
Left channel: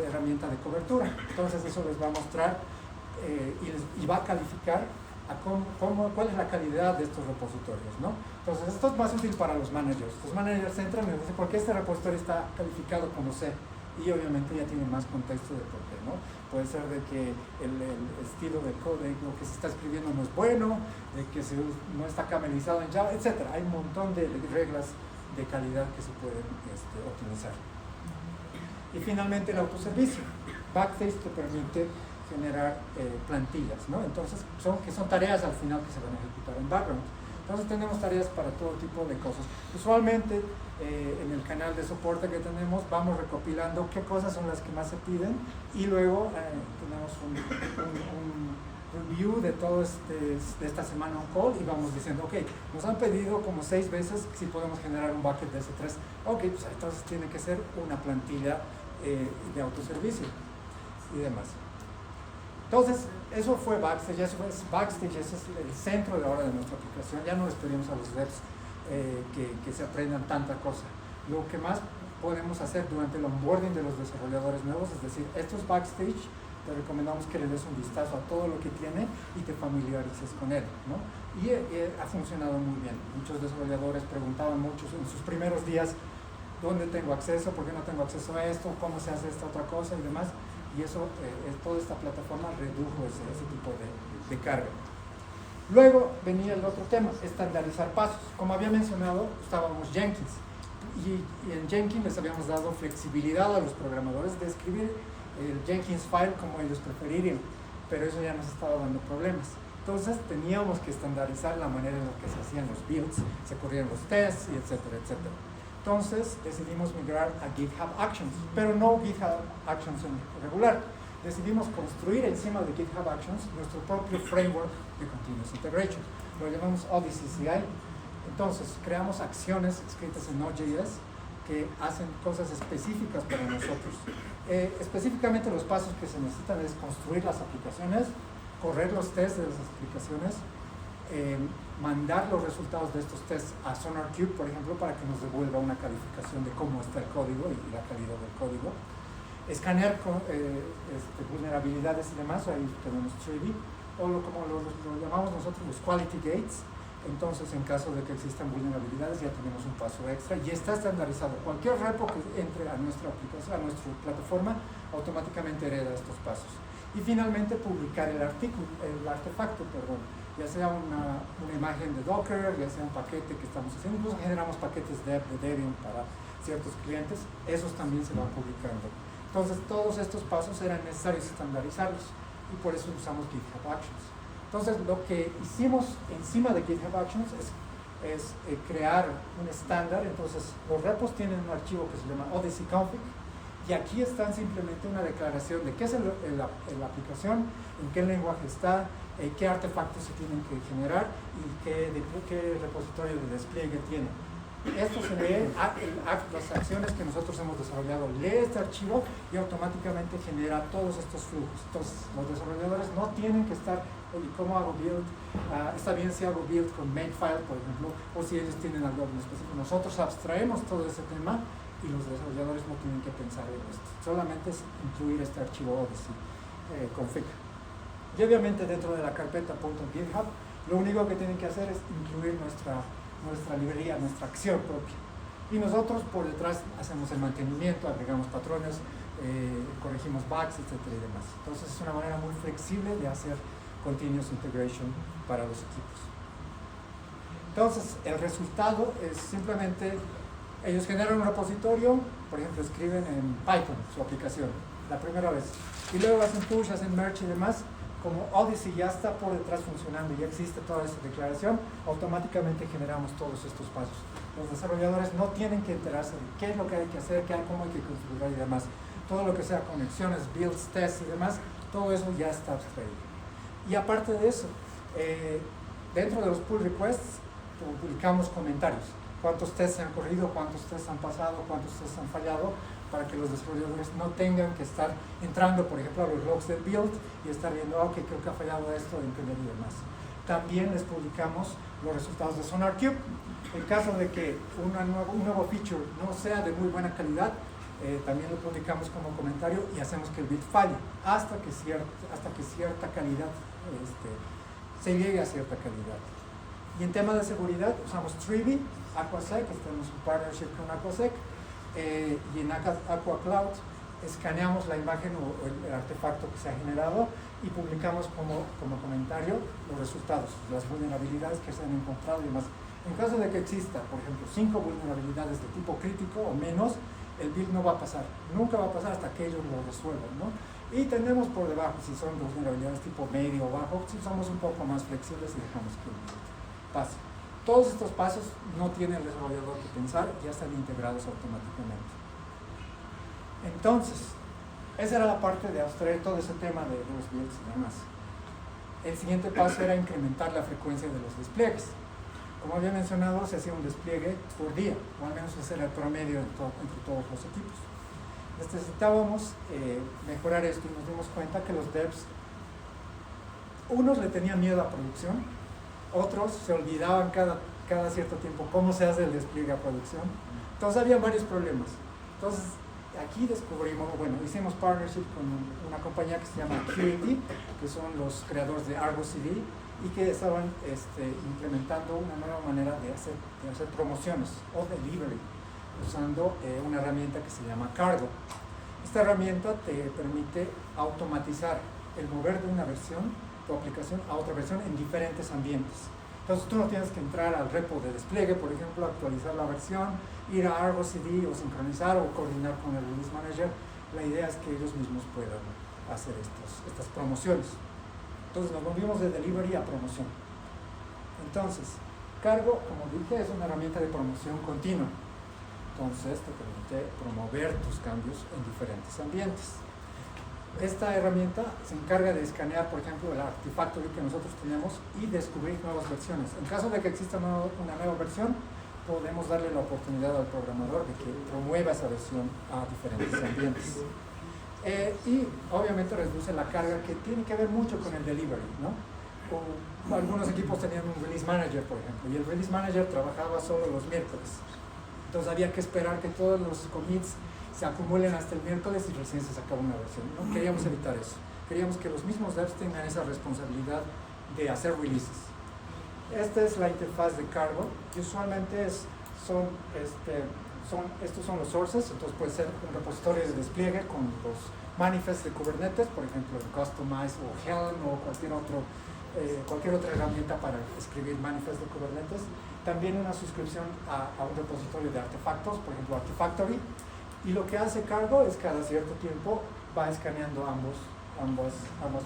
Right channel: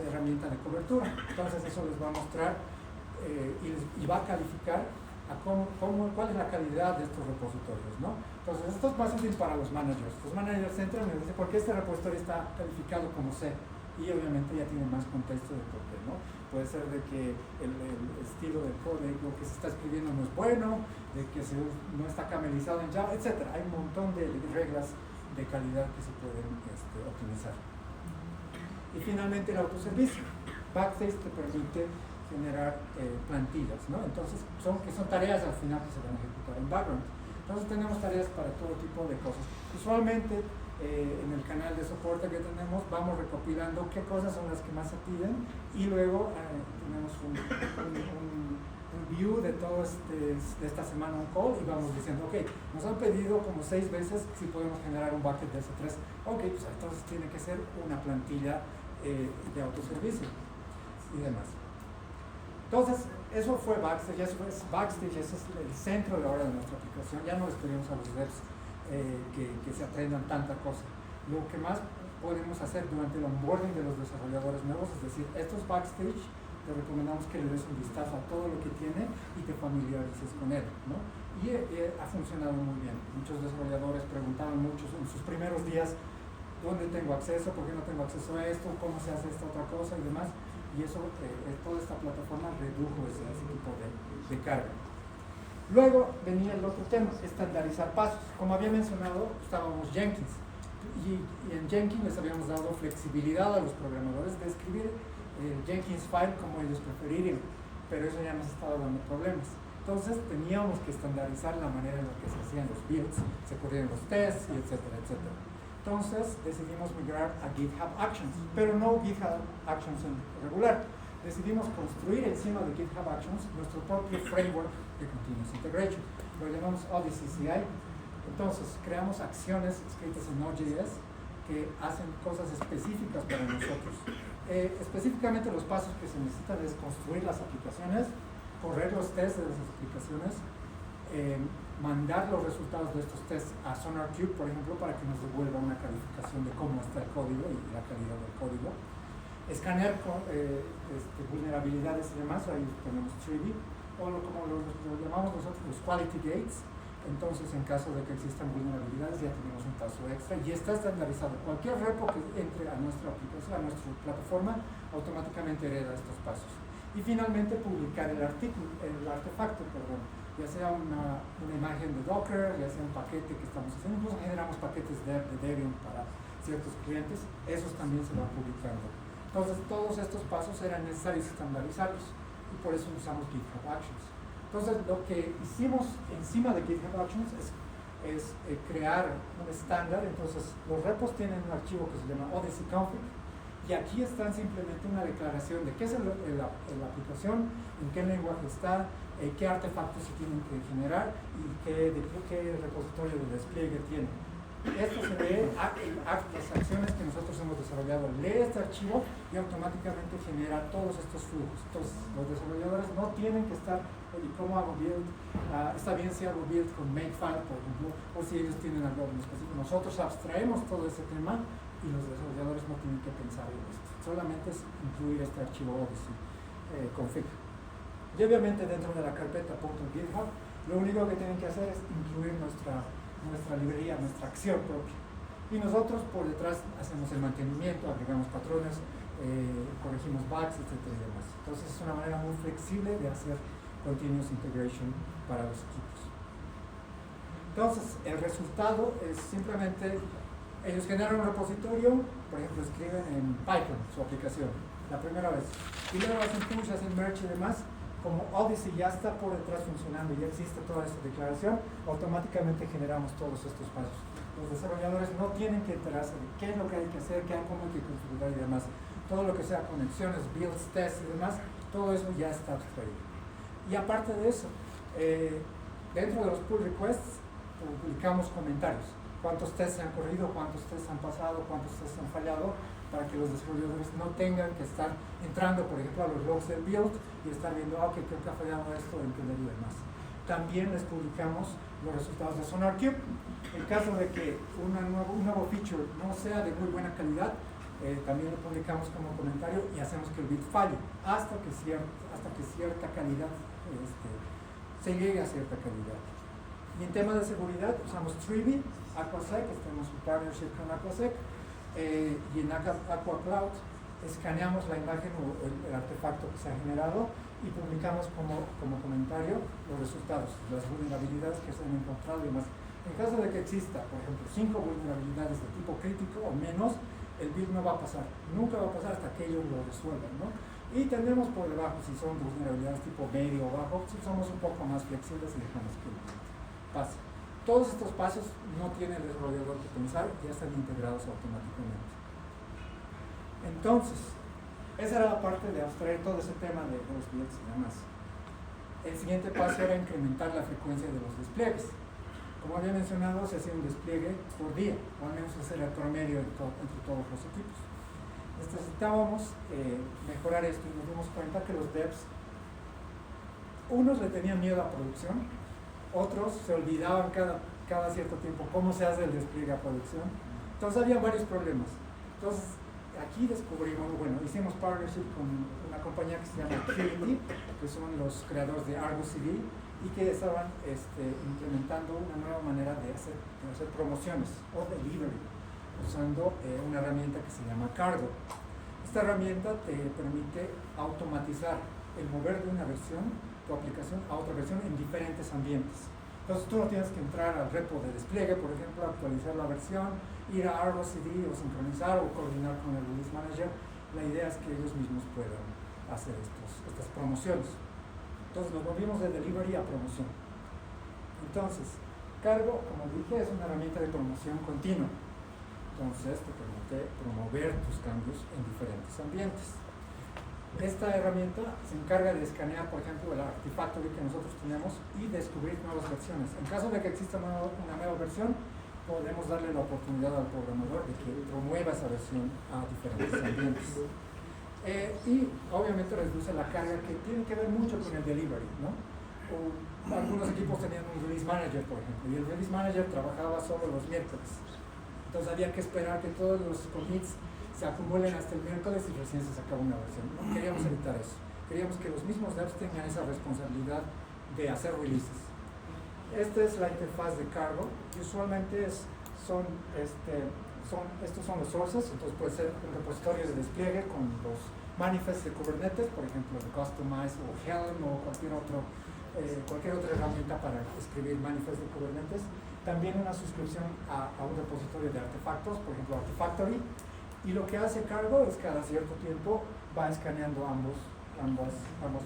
herramienta de cobertura. Entonces eso les va a mostrar y va a calificar a cuál es la calidad de estos repositorios, ¿no? Entonces esto es más útil para los managers. Los managers entran y dicen, ¿por qué este repositorio está calificado como C? Y obviamente ya tienen más contexto de por qué, ¿no? Puede ser de que el estilo del código, lo que se está escribiendo no es bueno, de que no está camelizado en Java, etc. Hay un montón de reglas de calidad que se pueden optimizar. Y finalmente el autoservicio. Backstage te permite generar plantillas, ¿no? Entonces son tareas al final que se van a ejecutar en background. Entonces tenemos tareas para todo tipo de cosas. Usualmente en el canal de soporte que tenemos vamos recopilando qué cosas son las que más se piden y luego tenemos un review de todo de esta semana on call y vamos diciendo, ok, nos han pedido como 6 veces si podemos generar un bucket de S3. Ok, pues entonces tiene que ser una plantilla de autoservicio y demás. Entonces, eso fue Backstage, ese es el centro de ahora de nuestra aplicación. Ya no les pedimos a los devs que se aprendan tanta cosa. Lo que más podemos hacer durante el onboarding de los desarrolladores nuevos, es decir, esto es Backstage, te recomendamos que le des un vistazo a todo lo que tiene y te familiarices con él, ¿no? Y ha funcionado muy bien. Muchos desarrolladores preguntaban mucho en sus primeros días, ¿dónde tengo acceso? ¿Por qué no tengo acceso a esto? ¿Cómo se hace esta otra cosa? Y demás. Y eso, toda esta plataforma redujo ese tipo de carga. Luego venía el otro tema, estandarizar pasos. Como había mencionado, usábamos Jenkins. Y en Jenkins les habíamos dado flexibilidad a los programadores de escribir el Jenkins file como ellos preferirían, pero eso ya nos estaba dando problemas. Entonces teníamos que estandarizar la manera en la que se hacían los builds, se corrían los tests, y etcétera, etcétera. Entonces decidimos migrar a GitHub Actions, pero no GitHub Actions en regular. Decidimos construir encima de GitHub Actions nuestro propio framework de Continuous Integration. Lo llamamos Odyssey CI. Entonces creamos acciones escritas en Node.js que hacen cosas específicas para nosotros. Específicamente los pasos que se necesitan es construir las aplicaciones, correr los tests de las aplicaciones, mandar los resultados de estos tests a SonarQube, por ejemplo, para que nos devuelva una calificación de cómo está el código y la calidad del código. Escanear vulnerabilidades y demás, ahí tenemos Trivy, o como lo llamamos nosotros los Quality Gates. Entonces, en caso de que existan vulnerabilidades, ya tenemos un paso extra y está estandarizado. Cualquier repo que entre a nuestra aplicación, a nuestra plataforma, automáticamente hereda estos pasos. Y finalmente, publicar el artefacto, ya sea una imagen de Docker, ya sea un paquete que estamos haciendo. Incluso generamos paquetes de Debian para ciertos clientes, esos también se van publicando. Entonces, todos estos pasos eran necesarios estandarizarlos y por eso usamos GitHub Actions. Entonces, lo que hicimos encima de GitHub Actions es crear un estándar. Entonces, los repos tienen un archivo que se llama Odyssey Config, y aquí están simplemente una declaración de qué es la aplicación, en qué lenguaje está, qué artefactos se tienen que generar y qué repositorio de despliegue tiene. Esto se lee, las acciones que nosotros hemos desarrollado, lee este archivo y automáticamente genera todos estos flujos. Entonces, los desarrolladores no tienen que estar, oye, ¿cómo hago build? Está bien si hago build con makefile, por ejemplo, o si ellos tienen algo específico. Nosotros abstraemos todo ese tema y los desarrolladores no tienen que pensar en esto. Solamente es incluir este archivo Odyssey config. Y obviamente dentro de la carpeta .github, lo único que tienen que hacer es incluir nuestra librería, nuestra acción propia. Y nosotros por detrás hacemos el mantenimiento, agregamos patrones, corregimos bugs, etcétera y demás. Entonces es una manera muy flexible de hacer continuous integration para los equipos. Entonces el resultado es simplemente, ellos generan un repositorio, por ejemplo escriben en Python su aplicación la primera vez, y luego hacen push, hacen merge y demás. Como Odyssey ya está por detrás funcionando, ya existe toda esta declaración, automáticamente generamos todos estos pasos. Los desarrolladores no tienen que enterarse de qué es lo que hay que hacer, cómo hay que configurar y demás. Todo lo que sea conexiones, builds, tests y demás, todo eso ya está abstraído. Y aparte de eso, dentro de los pull requests, publicamos comentarios. Cuántos tests se han corrido, cuántos tests han pasado, cuántos tests han fallado, para que los desarrolladores no tengan que estar entrando, por ejemplo, a los logs del build y estar viendo, que creo que ha fallado esto, entender y demás. También les publicamos los resultados de SonarQube. En caso de que un nuevo feature no sea de muy buena calidad, también lo publicamos como comentario y hacemos que el build falle hasta que cierta calidad se llegue a cierta calidad. Y en tema de seguridad usamos Trivy, Aquasec, tenemos un partnership con Aquasec, y en Aqua Cloud escaneamos la imagen o el artefacto que se ha generado y publicamos como comentario los resultados, las vulnerabilidades que se han encontrado y demás. En caso de que exista, por ejemplo, 5 vulnerabilidades de tipo crítico o menos, el build no va a pasar, nunca va a pasar hasta que ellos lo resuelvan, ¿no? Y tenemos por debajo, si son vulnerabilidades tipo medio o bajo, si somos un poco más flexibles y dejamos que pase. Todos estos pasos no tiene el desarrollador que pensar, ya están integrados automáticamente. Entonces, esa era la parte de abstraer todo ese tema de los builds y demás. El siguiente paso era incrementar la frecuencia de los despliegues. Como había mencionado, se hacía un despliegue por día, o al menos ese era el promedio entre todos los equipos. Necesitábamos mejorar esto y nos dimos cuenta que los devs, unos le tenían miedo a producción, otros se olvidaban cada cierto tiempo cómo se hace el despliegue a producción. Entonces había varios problemas. Entonces aquí descubrimos, hicimos partnership con una compañía que se llama Qt, que son los creadores de Argo CD, y que estaban implementando una nueva manera de hacer promociones o delivery, usando una herramienta que se llama Cargo. Esta herramienta te permite automatizar el mover de una versión, tu aplicación, a otra versión en diferentes ambientes. Entonces tú no tienes que entrar al repo de despliegue, por ejemplo, actualizar la versión, ir a Argo CD o sincronizar o coordinar con el Release Manager. La idea es que ellos mismos puedan hacer estas promociones. Entonces nos volvimos de delivery a promoción. Entonces, Cargo, como dije, es una herramienta de promoción continua. Entonces te permite promover tus cambios en diferentes ambientes. Esta herramienta se encarga de escanear, por ejemplo, el artefacto que nosotros tenemos y descubrir nuevas versiones. En caso de que exista una nueva versión, podemos darle la oportunidad al programador de que promueva esa versión a diferentes ambientes. Y obviamente reduce la carga, que tiene que ver mucho con el delivery, ¿no? Algunos equipos tenían un release manager, por ejemplo, y el release manager trabajaba solo los miércoles. Entonces había que esperar que todos los commits se acumulen hasta el miércoles y recién se sacaba una versión. No queríamos evitar eso. Queríamos que los mismos devs tengan esa responsabilidad de hacer releases. Esta es la interfaz de cargo. Y usualmente estos son los sources, entonces puede ser un repositorio de despliegue con los manifests de Kubernetes, por ejemplo, el Customize o Helm o cualquier otra herramienta para escribir manifests de Kubernetes. También una suscripción a un repositorio de artefactos, por ejemplo Artifactory, y lo que hace cargo es cada cierto tiempo va escaneando ambas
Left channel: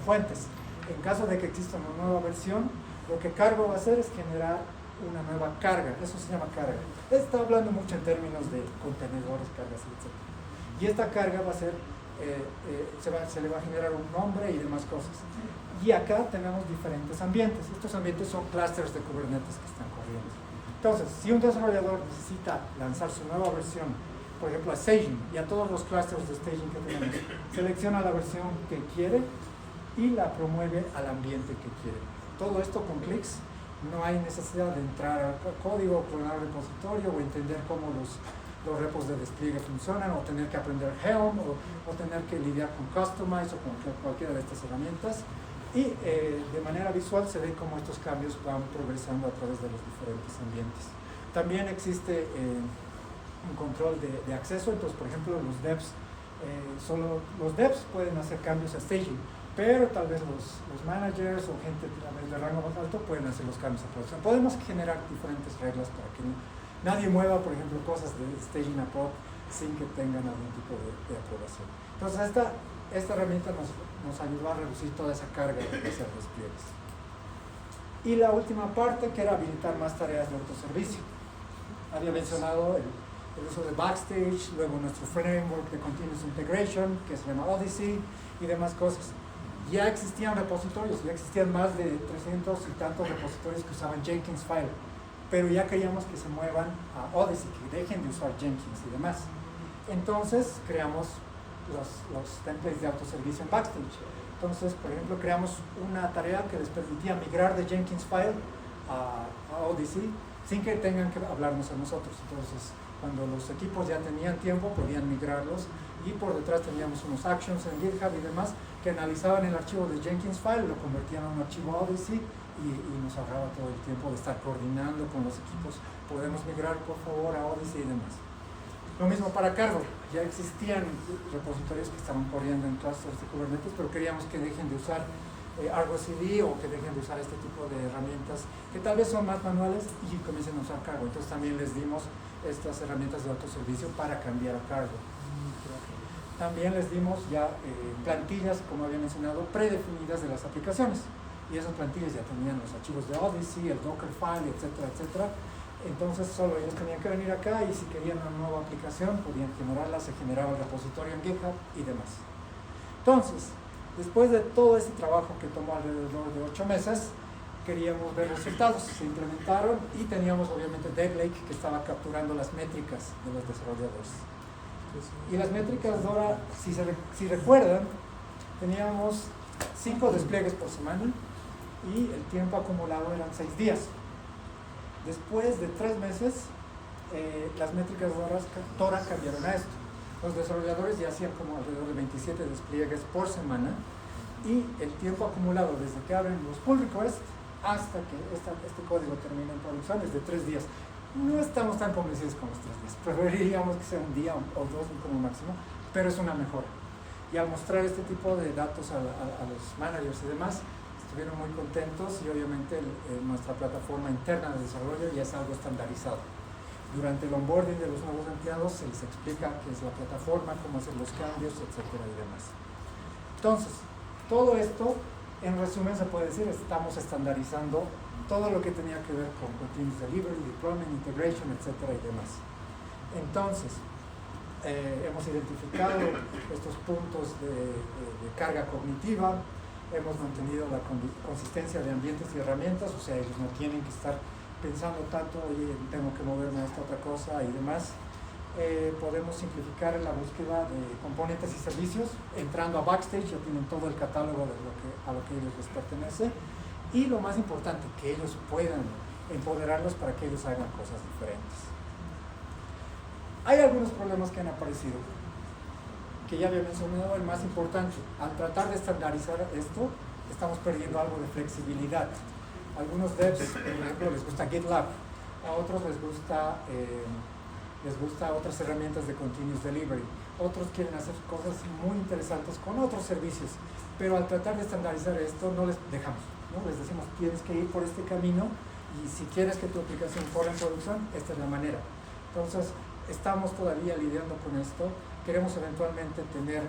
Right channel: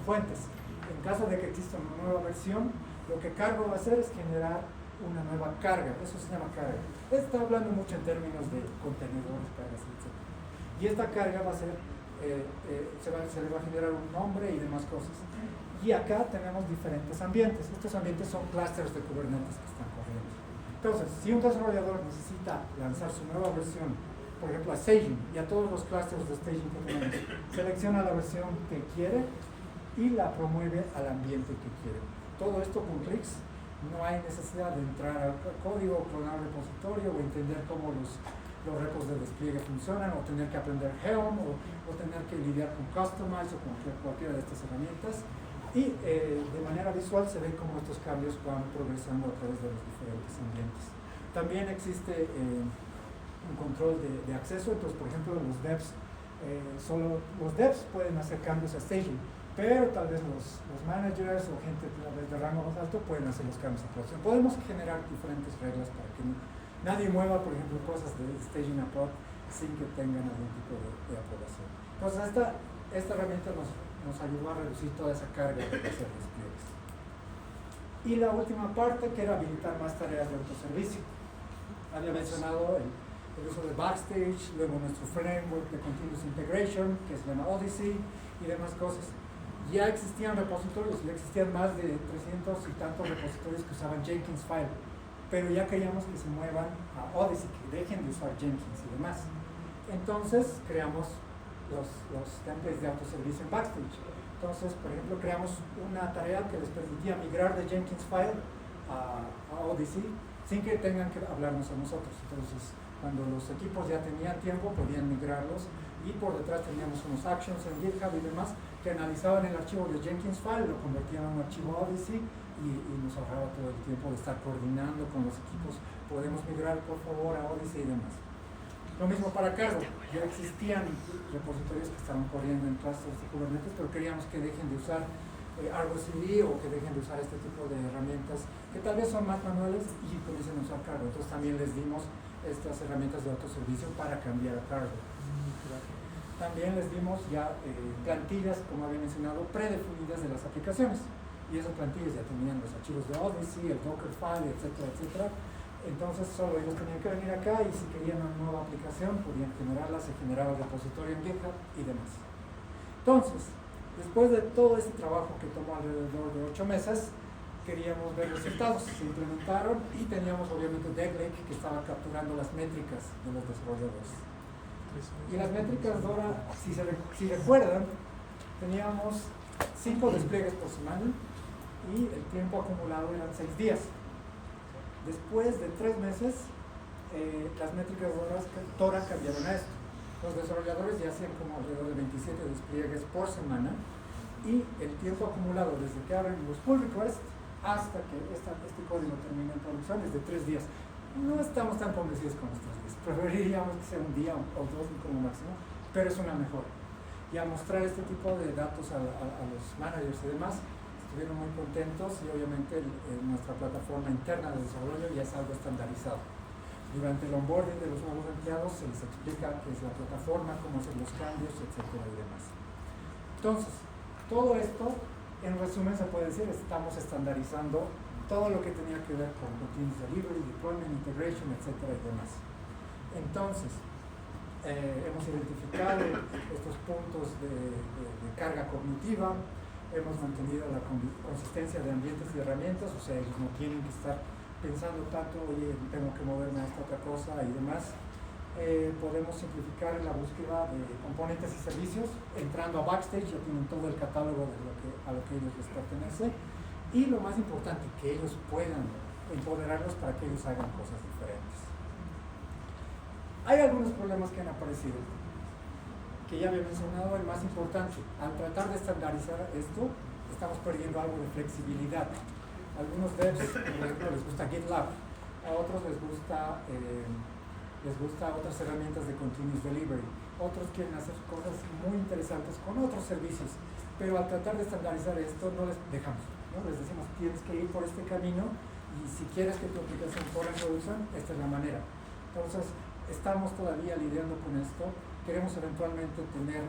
fuentes. En caso de que exista una nueva versión, lo que cargo va a hacer es generar una nueva carga, eso se llama carga. Está hablando mucho en términos de contenedores, cargas, etc. Y esta carga va a ser, se le va a generar un nombre y demás cosas. Y acá tenemos diferentes ambientes. Estos ambientes son clusters de Kubernetes que están corriendo. Entonces, si un desarrollador necesita lanzar su nueva versión, por ejemplo a staging y a todos los clusters de staging que tenemos, selecciona la versión que quiere y la promueve al ambiente que quiere. Todo esto con clics. No hay necesidad de entrar al código, clonar el repositorio o entender cómo los repos de despliegue funcionan, o tener que aprender Helm, o tener que lidiar con Customize o con cualquiera de estas herramientas. Y de manera visual se ve cómo estos cambios van progresando a través de los diferentes ambientes. También existe un control de acceso. Entonces, por ejemplo, los devs, solo los devs pueden hacer cambios a staging, pero tal vez los managers o gente de rango más alto pueden hacer los cambios a producción. Podemos generar diferentes reglas para que nadie mueva, por ejemplo, cosas de staging a prod sin que tengan algún tipo de aprobación. Entonces, esta herramienta nos ayudó a reducir toda esa carga de hacer despliegues. Y la última parte, que era habilitar más tareas de autoservicio. Había mencionado el uso de Backstage, luego nuestro framework de Continuous Integration, que se llama Odyssey, y demás cosas. Ya existían repositorios, ya existían más de 300 y tantos repositorios que usaban Jenkins File, pero ya queríamos que se muevan a Odyssey, que dejen de usar Jenkins y demás. Entonces creamos los templates de autoservicio en Backstage. Entonces, por ejemplo, creamos una tarea que les permitía migrar de Jenkins File a Odyssey sin que tengan que hablarnos a nosotros. Entonces, cuando los equipos ya tenían tiempo, podían migrarlos, y por detrás teníamos unos actions en GitHub y demás que analizaban el archivo de Jenkins File, lo convertían en un archivo Odyssey y nos ahorraba todo el tiempo de estar coordinando con los equipos. Podemos migrar, por favor, a Odyssey y demás. Lo mismo para cargo. Ya existían repositorios que estaban corriendo en clusters de Kubernetes, pero queríamos que dejen de usar Argo CD o que dejen de usar este tipo de herramientas que tal vez son más manuales y comiencen a usar cargo. Entonces también les dimos estas herramientas de autoservicio para cambiar a cargo. También les dimos ya plantillas, como había mencionado, predefinidas de las aplicaciones. Y esas plantillas ya tenían los archivos de Odyssey, el Dockerfile, etcétera, etcétera. Entonces solo ellos tenían que venir acá y si querían una nueva aplicación podían generarla, se generaba el repositorio en GitHub y demás. Entonces, después de todo ese trabajo que tomó alrededor de 8 meses, queríamos ver resultados. Se implementaron y teníamos obviamente Dev Lake que estaba capturando las métricas de los desarrolladores. Y las métricas de ahora, si recuerdan, teníamos 5 despliegues por semana y el tiempo acumulado eran 6 días. Después de 3 meses, las métricas de Dora cambiaron a esto. Los desarrolladores ya hacían como alrededor de 27 despliegues por semana y el tiempo acumulado desde que abren los pull requests hasta que este código termina en producción es de 3 días. No estamos tan convencidos con los 3 días, preferiríamos que sea un día o 2 como máximo, pero es una mejora. Y al mostrar este tipo de datos a los managers y demás, estuvieron muy contentos y obviamente nuestra plataforma interna de desarrollo ya es algo estandarizado. Durante el onboarding de los nuevos empleados se les explica qué es la plataforma, cómo hacer los cambios, etcétera y demás. Entonces, todo esto, en resumen se puede decir, estamos estandarizando todo lo que tenía que ver con Continuous Delivery, Deployment, Integration, etcétera y demás. Entonces, hemos identificado estos puntos de carga cognitiva, hemos mantenido la consistencia de ambientes y herramientas, o sea, ellos no tienen que estar pensando tanto, oye, tengo que moverme a esta otra cosa y demás. Podemos simplificar la búsqueda de componentes y servicios, entrando a Backstage, ya tienen todo el catálogo de a lo que ellos les pertenece, y lo más importante, que ellos puedan empoderarlos para que ellos hagan cosas diferentes. Hay algunos problemas que han aparecido, que ya había mencionado. El más importante, al tratar de estandarizar esto, estamos perdiendo algo de flexibilidad. Algunos devs, por ejemplo, les gusta GitLab, a otros les gusta otras herramientas de continuous delivery, otros quieren hacer cosas muy interesantes con otros servicios, pero al tratar de estandarizar esto no les dejamos, ¿no? Les decimos, tienes que ir por este camino y si quieres que tu aplicación corra en producción, esta es la manera. Entonces, estamos todavía lidiando con esto. Queremos eventualmente tener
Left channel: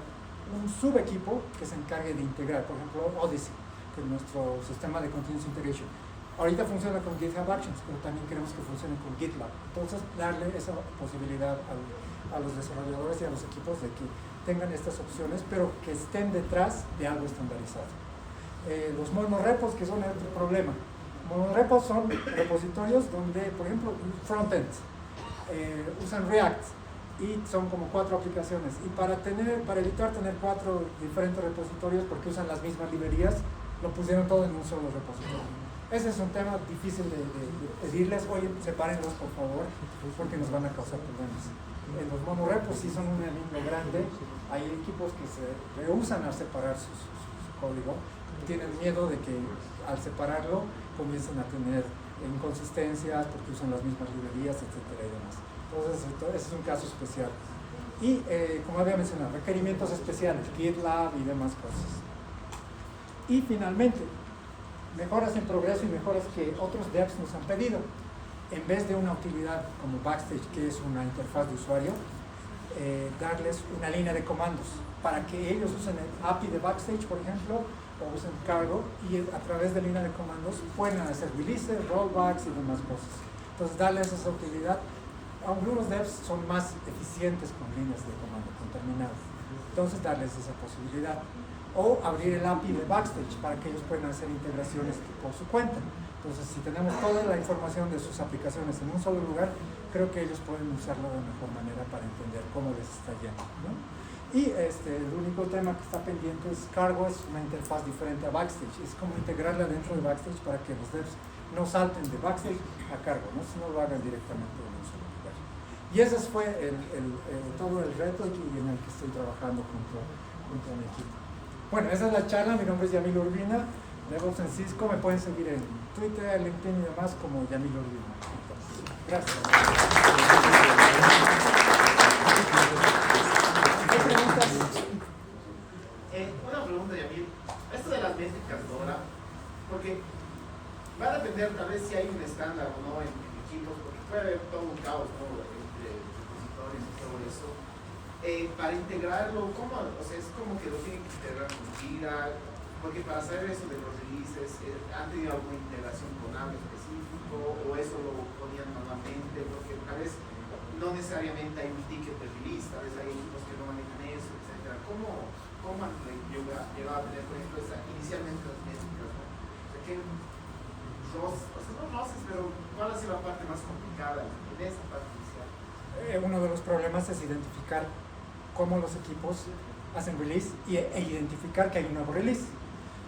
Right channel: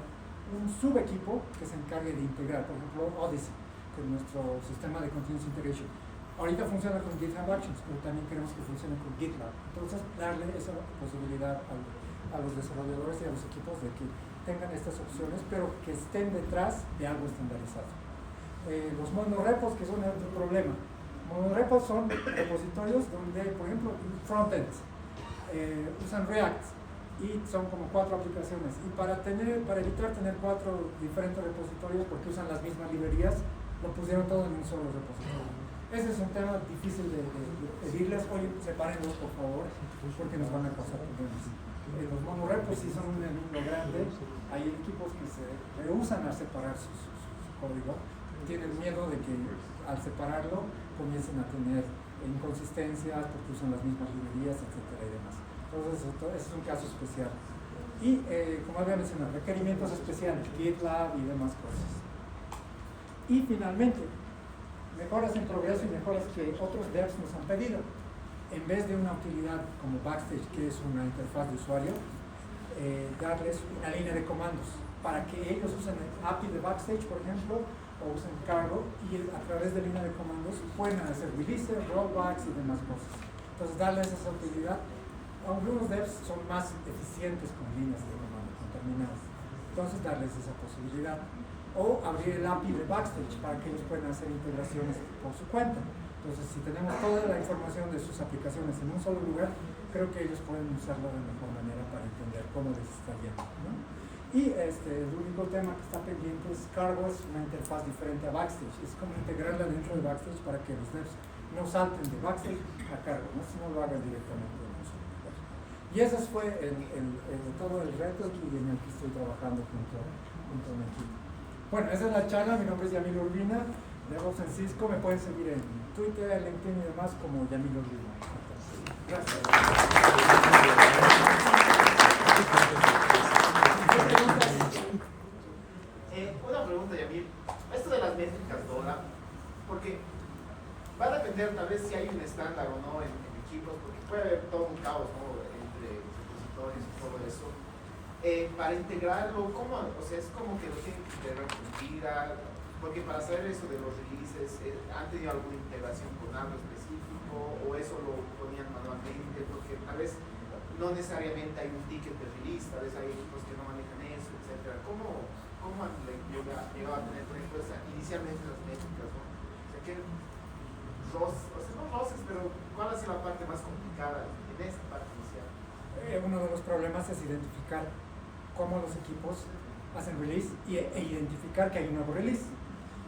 un subequipo que se encargue de integrar, por ejemplo, Odyssey, que es nuestro sistema de continuous integration. Ahorita funciona con GitHub Actions, pero también queremos que funcione con GitLab. Entonces, darle esa posibilidad a los desarrolladores y a los equipos de que tengan estas opciones, pero que estén detrás de algo estandarizado. Los monorepos, que son otro problema. Monorepos son repositorios donde, por ejemplo, frontends usan React y son como 4 aplicaciones. Y para evitar tener 4 diferentes repositorios, porque usan las mismas librerías, lo pusieron todo en un solo repositorio. Ese es un tema difícil de pedirles, oye, sepárenlos por favor, porque nos van a causar problemas. Los monorepos sí son un enemigo grande. Hay equipos que se rehúsan a separar su código, tienen miedo de que al separarlo comiencen a tener inconsistencias porque usan las mismas librerías, etcétera y demás. Entonces, ese es un caso especial. Y, como había mencionado, requerimientos especiales, GitLab y demás cosas. Y finalmente, mejoras en progreso y mejoras que otros devs nos han pedido. En vez de una utilidad como Backstage, que es una interfaz de usuario, darles una línea de comandos para que ellos usen el API de Backstage, por ejemplo, o usen Cargo, y a través de línea de comandos pueden hacer releases, rollbacks y demás cosas. Entonces, darles esa utilidad. Algunos devs son más eficientes con líneas de comando, con terminales. Entonces, darles esa posibilidad. O abrir el API de Backstage para que ellos puedan hacer integraciones por su cuenta. Entonces, si tenemos toda la información de sus aplicaciones en un solo lugar, creo que ellos pueden usarlo de mejor manera para entender cómo les está yendo, ¿no? Y el único tema que está pendiente es Cargo, es una interfaz diferente a Backstage. Es como integrarla dentro de Backstage para que los devs no salten de Backstage a Cargo, ¿no? Si no lo hagan directamente en un solo lugar. Y ese fue todo el reto en el que estoy trabajando junto a mi equipo. Bueno, esa es la charla. Mi nombre es Yamil Urbina, DevOps en Cisco. Me pueden seguir en Twitter, LinkedIn y demás como Yamil Urbina. Gracias. Una pregunta, Yamil. Esto de las métricas DORA, porque va a depender tal vez si hay un estándar o no en equipos, porque puede haber todo un caos, ¿no?, entre repositorios y todo eso. Para integrarlo, ¿cómo? O sea, es como que lo tienen que integrar con Jira, porque para saber eso de los releases, ¿han tenido alguna integración con algo específico o eso lo ponían manualmente? Porque tal vez no necesariamente hay un ticket de release, tal vez hay equipos que no manejan eso, etcétera. ¿Cómo han llegado a tener, por ejemplo, inicialmente las métricas, ¿no? O sea, no roces, pero ¿cuál ha sido la parte más complicada en esa parte inicial? Uno de los problemas es identificar cómo los equipos hacen release e identificar que hay un nuevo release.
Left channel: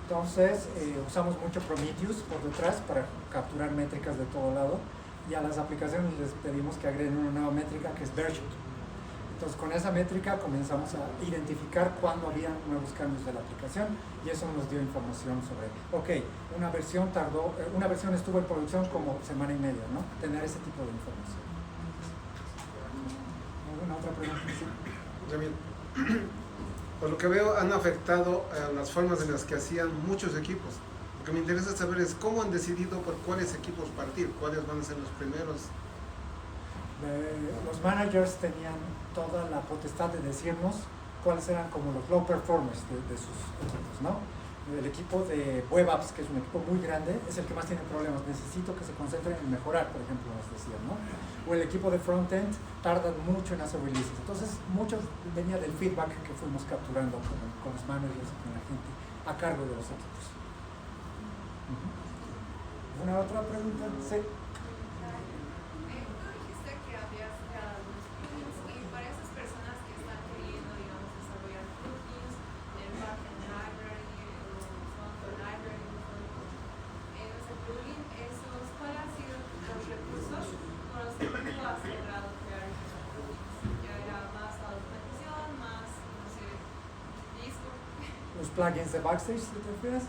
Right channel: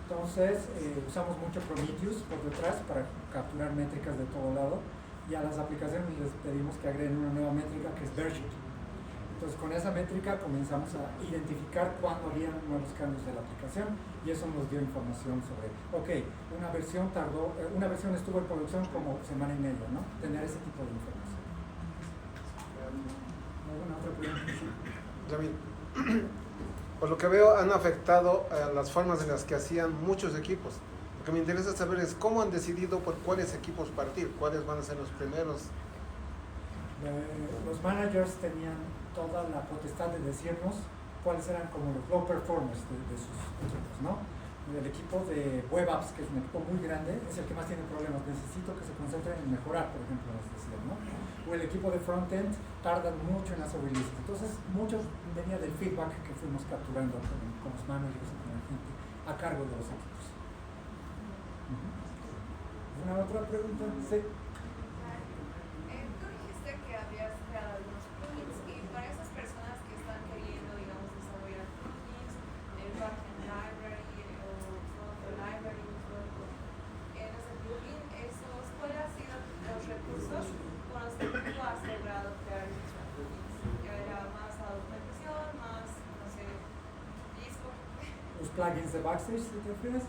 Entonces, usamos mucho Prometheus por detrás para capturar métricas de todo lado, y a las aplicaciones les pedimos que agreguen una nueva métrica que es version. Entonces, con esa métrica comenzamos a identificar cuándo había nuevos cambios de la aplicación, y eso nos dio información sobre, una versión estuvo en producción como semana y media, ¿no? Tener ese tipo de información. ¿Alguna otra pregunta? David, por lo que veo han afectado las formas en las que hacían muchos equipos. Lo que me interesa saber es cómo han decidido por cuáles equipos partir, cuáles van a ser los primeros. Los managers tenían toda la potestad de decirnos cuáles eran como los low performers de sus equipos, ¿no? El equipo de web apps, que es un equipo muy grande, es el que más tiene problemas. Necesito que se concentren en mejorar, por ejemplo, nos decían, ¿no? O el equipo de frontend tardan mucho en hacer releases. Entonces, muchos venía del feedback que fuimos capturando con los managers y con la gente a cargo de los equipos. ¿Una otra pregunta? Sí. plugins de Backstage, si te refieres.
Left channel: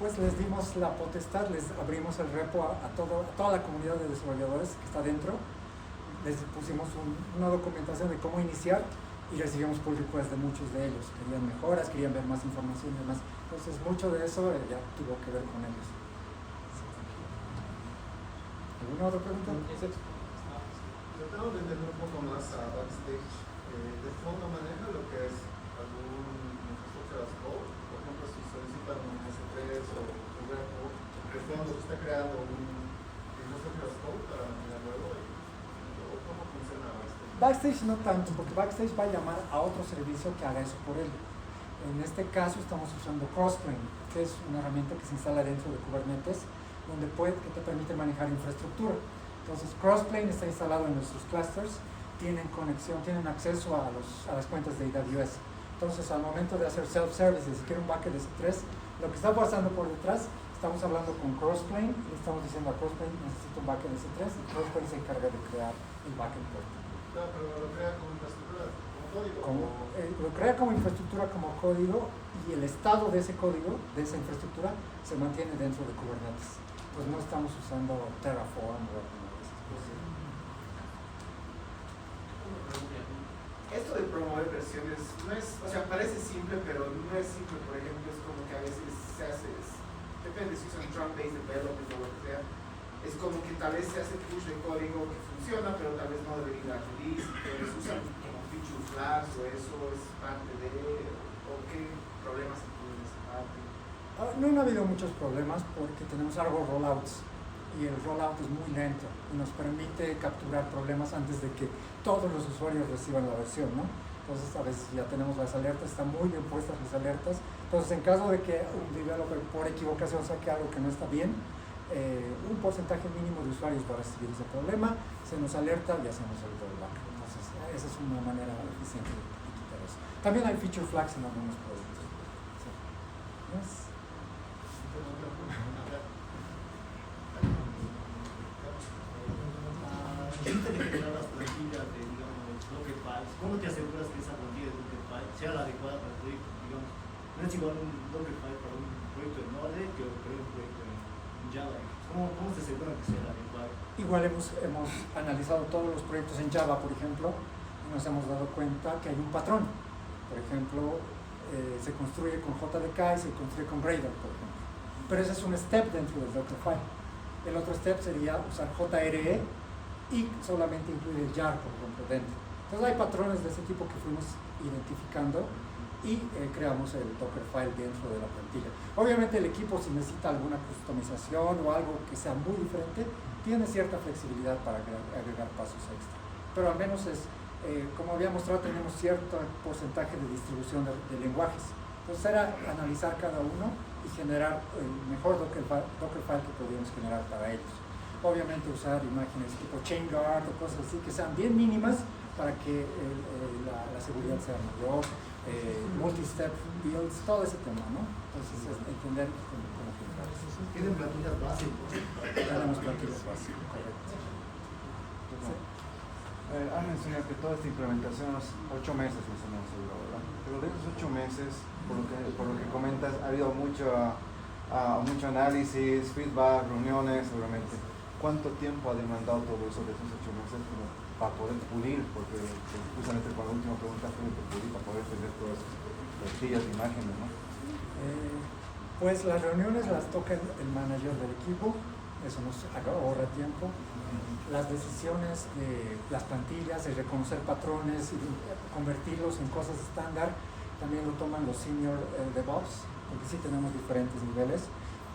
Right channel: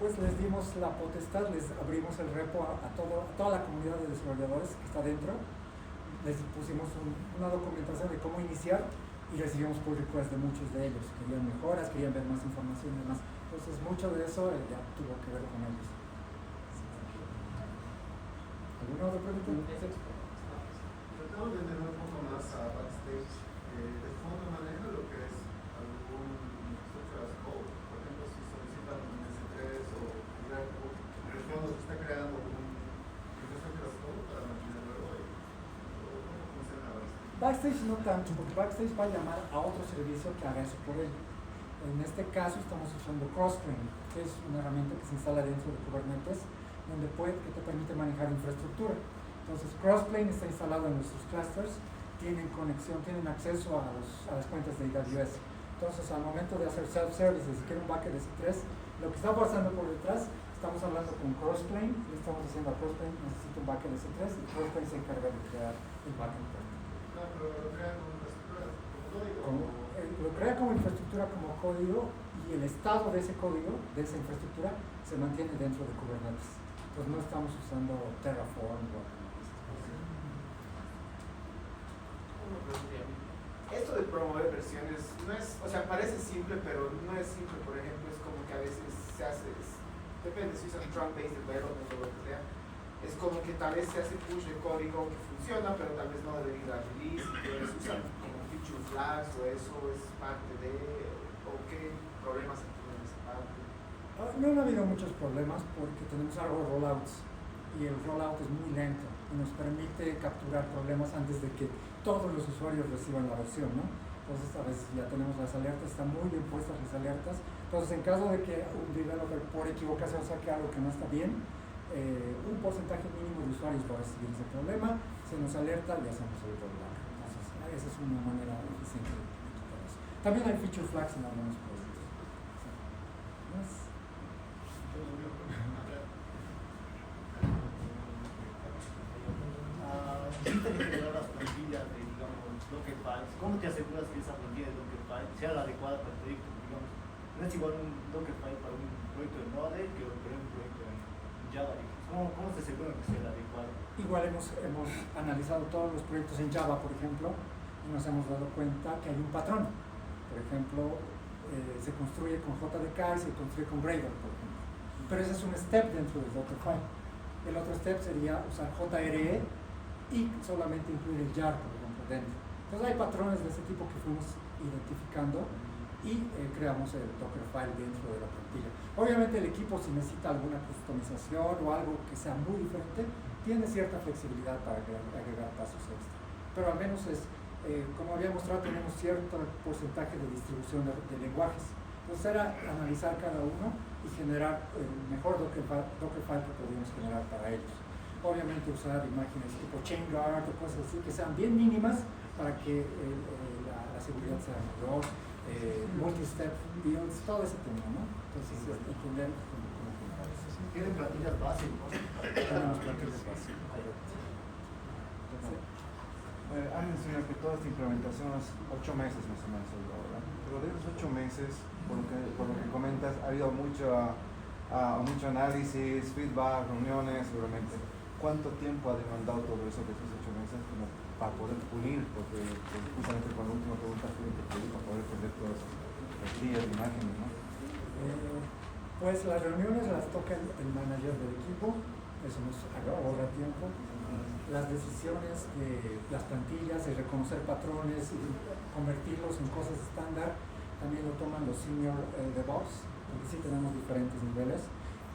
Pues les dimos la potestad, les abrimos el repo a toda la comunidad de desarrolladores que está dentro, les pusimos una documentación de cómo iniciar y recibimos pull requests de muchos de ellos, querían mejoras, querían ver más información y demás, entonces mucho de eso ya tuvo que ver con ellos. ¿Alguna otra pregunta? Tratamos de entender un poco más a Backstage. ¿De fondo maneja lo que es algún infraestructura as code? Por ejemplo, si solicitan un S3 o un repo, de fondo se está creando un infraestructura as code para mirar luego y ¿cómo funciona Backstage? Backstage no tanto, porque Backstage va a llamar a otro servicio que haga eso por él. En este caso estamos usando Crossplane, que es una herramienta que se instala dentro de Kubernetes, que te permite manejar infraestructura. Entonces Crossplane está instalado en nuestros clusters, tienen conexión, tienen acceso a las cuentas de AWS. Entonces al momento de hacer self-service, si quiero un bucket de S3, lo que está pasando por detrás, estamos hablando con Crossplane, le estamos diciendo a Crossplane, necesito un bucket de S3, y Crossplane se encarga de crear el bucket por ti. Claro, pero lo crea como infraestructura, como código. Lo crea como infraestructura, como código, y el estado de ese código, de esa infraestructura, se mantiene dentro de Kubernetes. Pues no estamos usando Terraform o alguna de esas cosas. Una pregunta. Esto de promover versiones no es, o sea, parece simple, pero no es simple. Por ejemplo, es como que a veces se hace, depende si usan Trunk-based development o lo que sea, es como que tal vez se hace push de código que funciona, pero tal vez no debería ir a release, entonces usan como feature flags o eso es parte de, o qué problemas tienen esa parte. No han habido muchos problemas porque tenemos algo rollouts y el rollout es muy lento y nos permite capturar problemas antes de que todos los usuarios reciban la versión, ¿no? Entonces a veces ya tenemos las alertas, están muy bien puestas las alertas. Entonces en caso de que un developer por equivocación saque algo que no está bien, un porcentaje mínimo de usuarios va a recibir ese problema, se nos alerta y hacemos el rollback. Entonces esa es una manera eficiente de quitar eso. También hay feature flags en algunos productos. Sí. ¿Más? Ahorita que generó las plantillas de, digamos, Dockerfiles, ¿cómo te aseguras que esa plantilla de Dockerfile sea la adecuada para el proyecto? Digamos, no es igual un Dockerfile para un proyecto de Node que para un proyecto en Java. ¿Cómo se asegura que sea la adecuada? Igual hemos analizado todos los proyectos en Java, por ejemplo, y nos hemos dado cuenta que hay un patrón. Por ejemplo, se construye con JDK y se construye con Gradle, por ejemplo. Pero ese es un step dentro del Dockerfile. El otro step sería usar JRE y solamente incluir el jar, por ejemplo, dentro. Entonces hay patrones de ese tipo que fuimos identificando y creamos el Dockerfile dentro de la plantilla. Obviamente el equipo, si necesita alguna customización o algo que sea muy diferente, tiene cierta flexibilidad para agregar pasos extra. Pero al menos es, como había mostrado, tenemos cierto porcentaje de distribución de lenguajes. Entonces era analizar cada uno y generar el mejor Dockerfile que podríamos generar para ellos. Obviamente usar imágenes tipo ChainGuard o cosas así que sean bien mínimas para que la seguridad sea mayor, multi-step builds, todo ese tema, ¿no? Entonces entender cómo generar eso. Tienen plantillas básicas. Tenemos plantillas básicas, correcto. Han mencionado que toda esta implementación es 8 meses más o menos, ¿verdad? Pero de esos 8 meses, por lo que comentas, ha habido mucho análisis, feedback, reuniones, obviamente. ¿Cuánto tiempo ha demandado todo eso de esos 8 meses como para poder pulir? Porque justamente con la última pregunta fue para poder tener todas esas plantillas de imágenes, ¿no? Pues las reuniones las toca el manager del equipo, eso nos ahorra tiempo. Las decisiones de las plantillas, de reconocer patrones y convertirlos en cosas estándar, también lo toman los senior DevOps, porque sí tenemos diferentes niveles.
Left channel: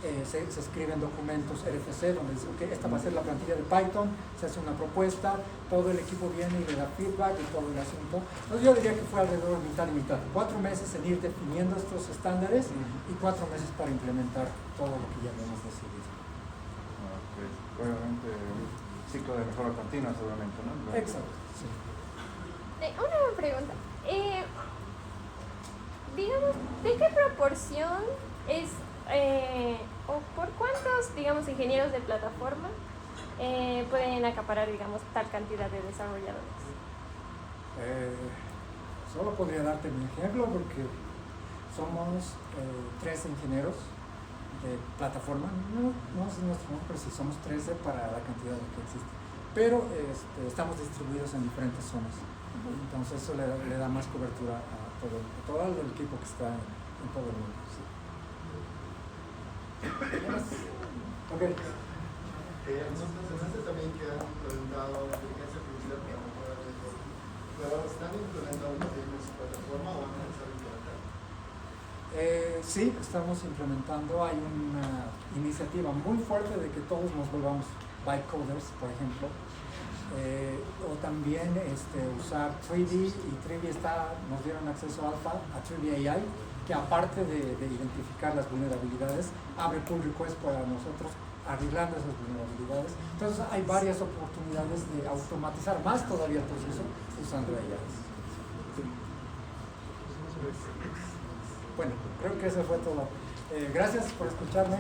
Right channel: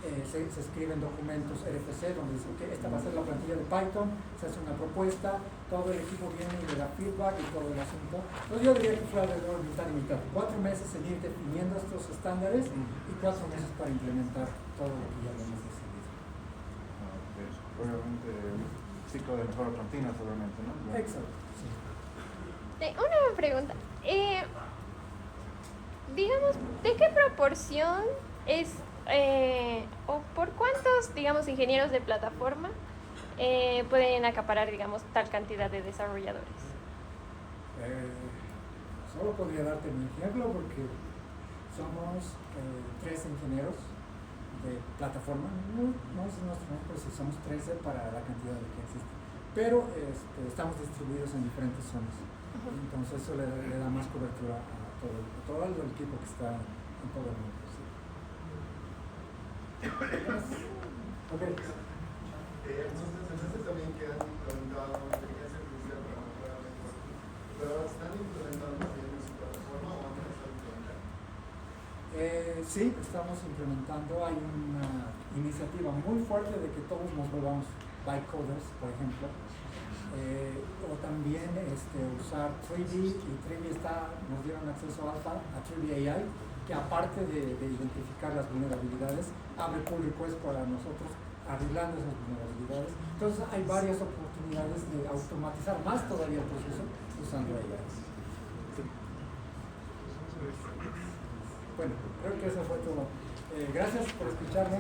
Se escriben documentos RFC donde dice, ok, esta va a ser la plantilla de Python, se hace una propuesta, todo el equipo viene y le da feedback y todo el asunto. Entonces yo diría que fue alrededor de mitad y mitad. 4 meses en ir definiendo estos estándares y 4 meses para implementar todo lo que ya hemos decidido. Pues, obviamente, un ciclo de mejora continua, seguramente, ¿no? Exacto, sí. Una pregunta. Digamos, ¿de qué proporción es o por cuántos, digamos, ingenieros de plataforma pueden acaparar, digamos, tal cantidad de desarrolladores? Solo podría darte mi ejemplo porque somos 3 ingenieros de plataforma, no es nuestro ejemplo, pero sí somos 13 para la cantidad que existe. Pero estamos distribuidos en diferentes zonas, entonces eso le da más cobertura a todo el equipo que está en todo el mundo. Sí. Okay. Nos mencionaste también que han implementado inteligencia artificial para mejorar el networking, pero ¿están implementando también en su plataforma o van a empezar a implementar? Sí, estamos implementando. Hay una iniciativa muy fuerte de que todos nos volvamos byte coders, por ejemplo. O también usar 3D, y 3D nos dieron acceso alfa a 3D AI, que aparte de identificar las vulnerabilidades, abre pull request para nosotros arreglando esas vulnerabilidades. Entonces hay varias oportunidades de automatizar más todavía el proceso usando AI. Bueno, creo que eso fue todo. Gracias por escucharme.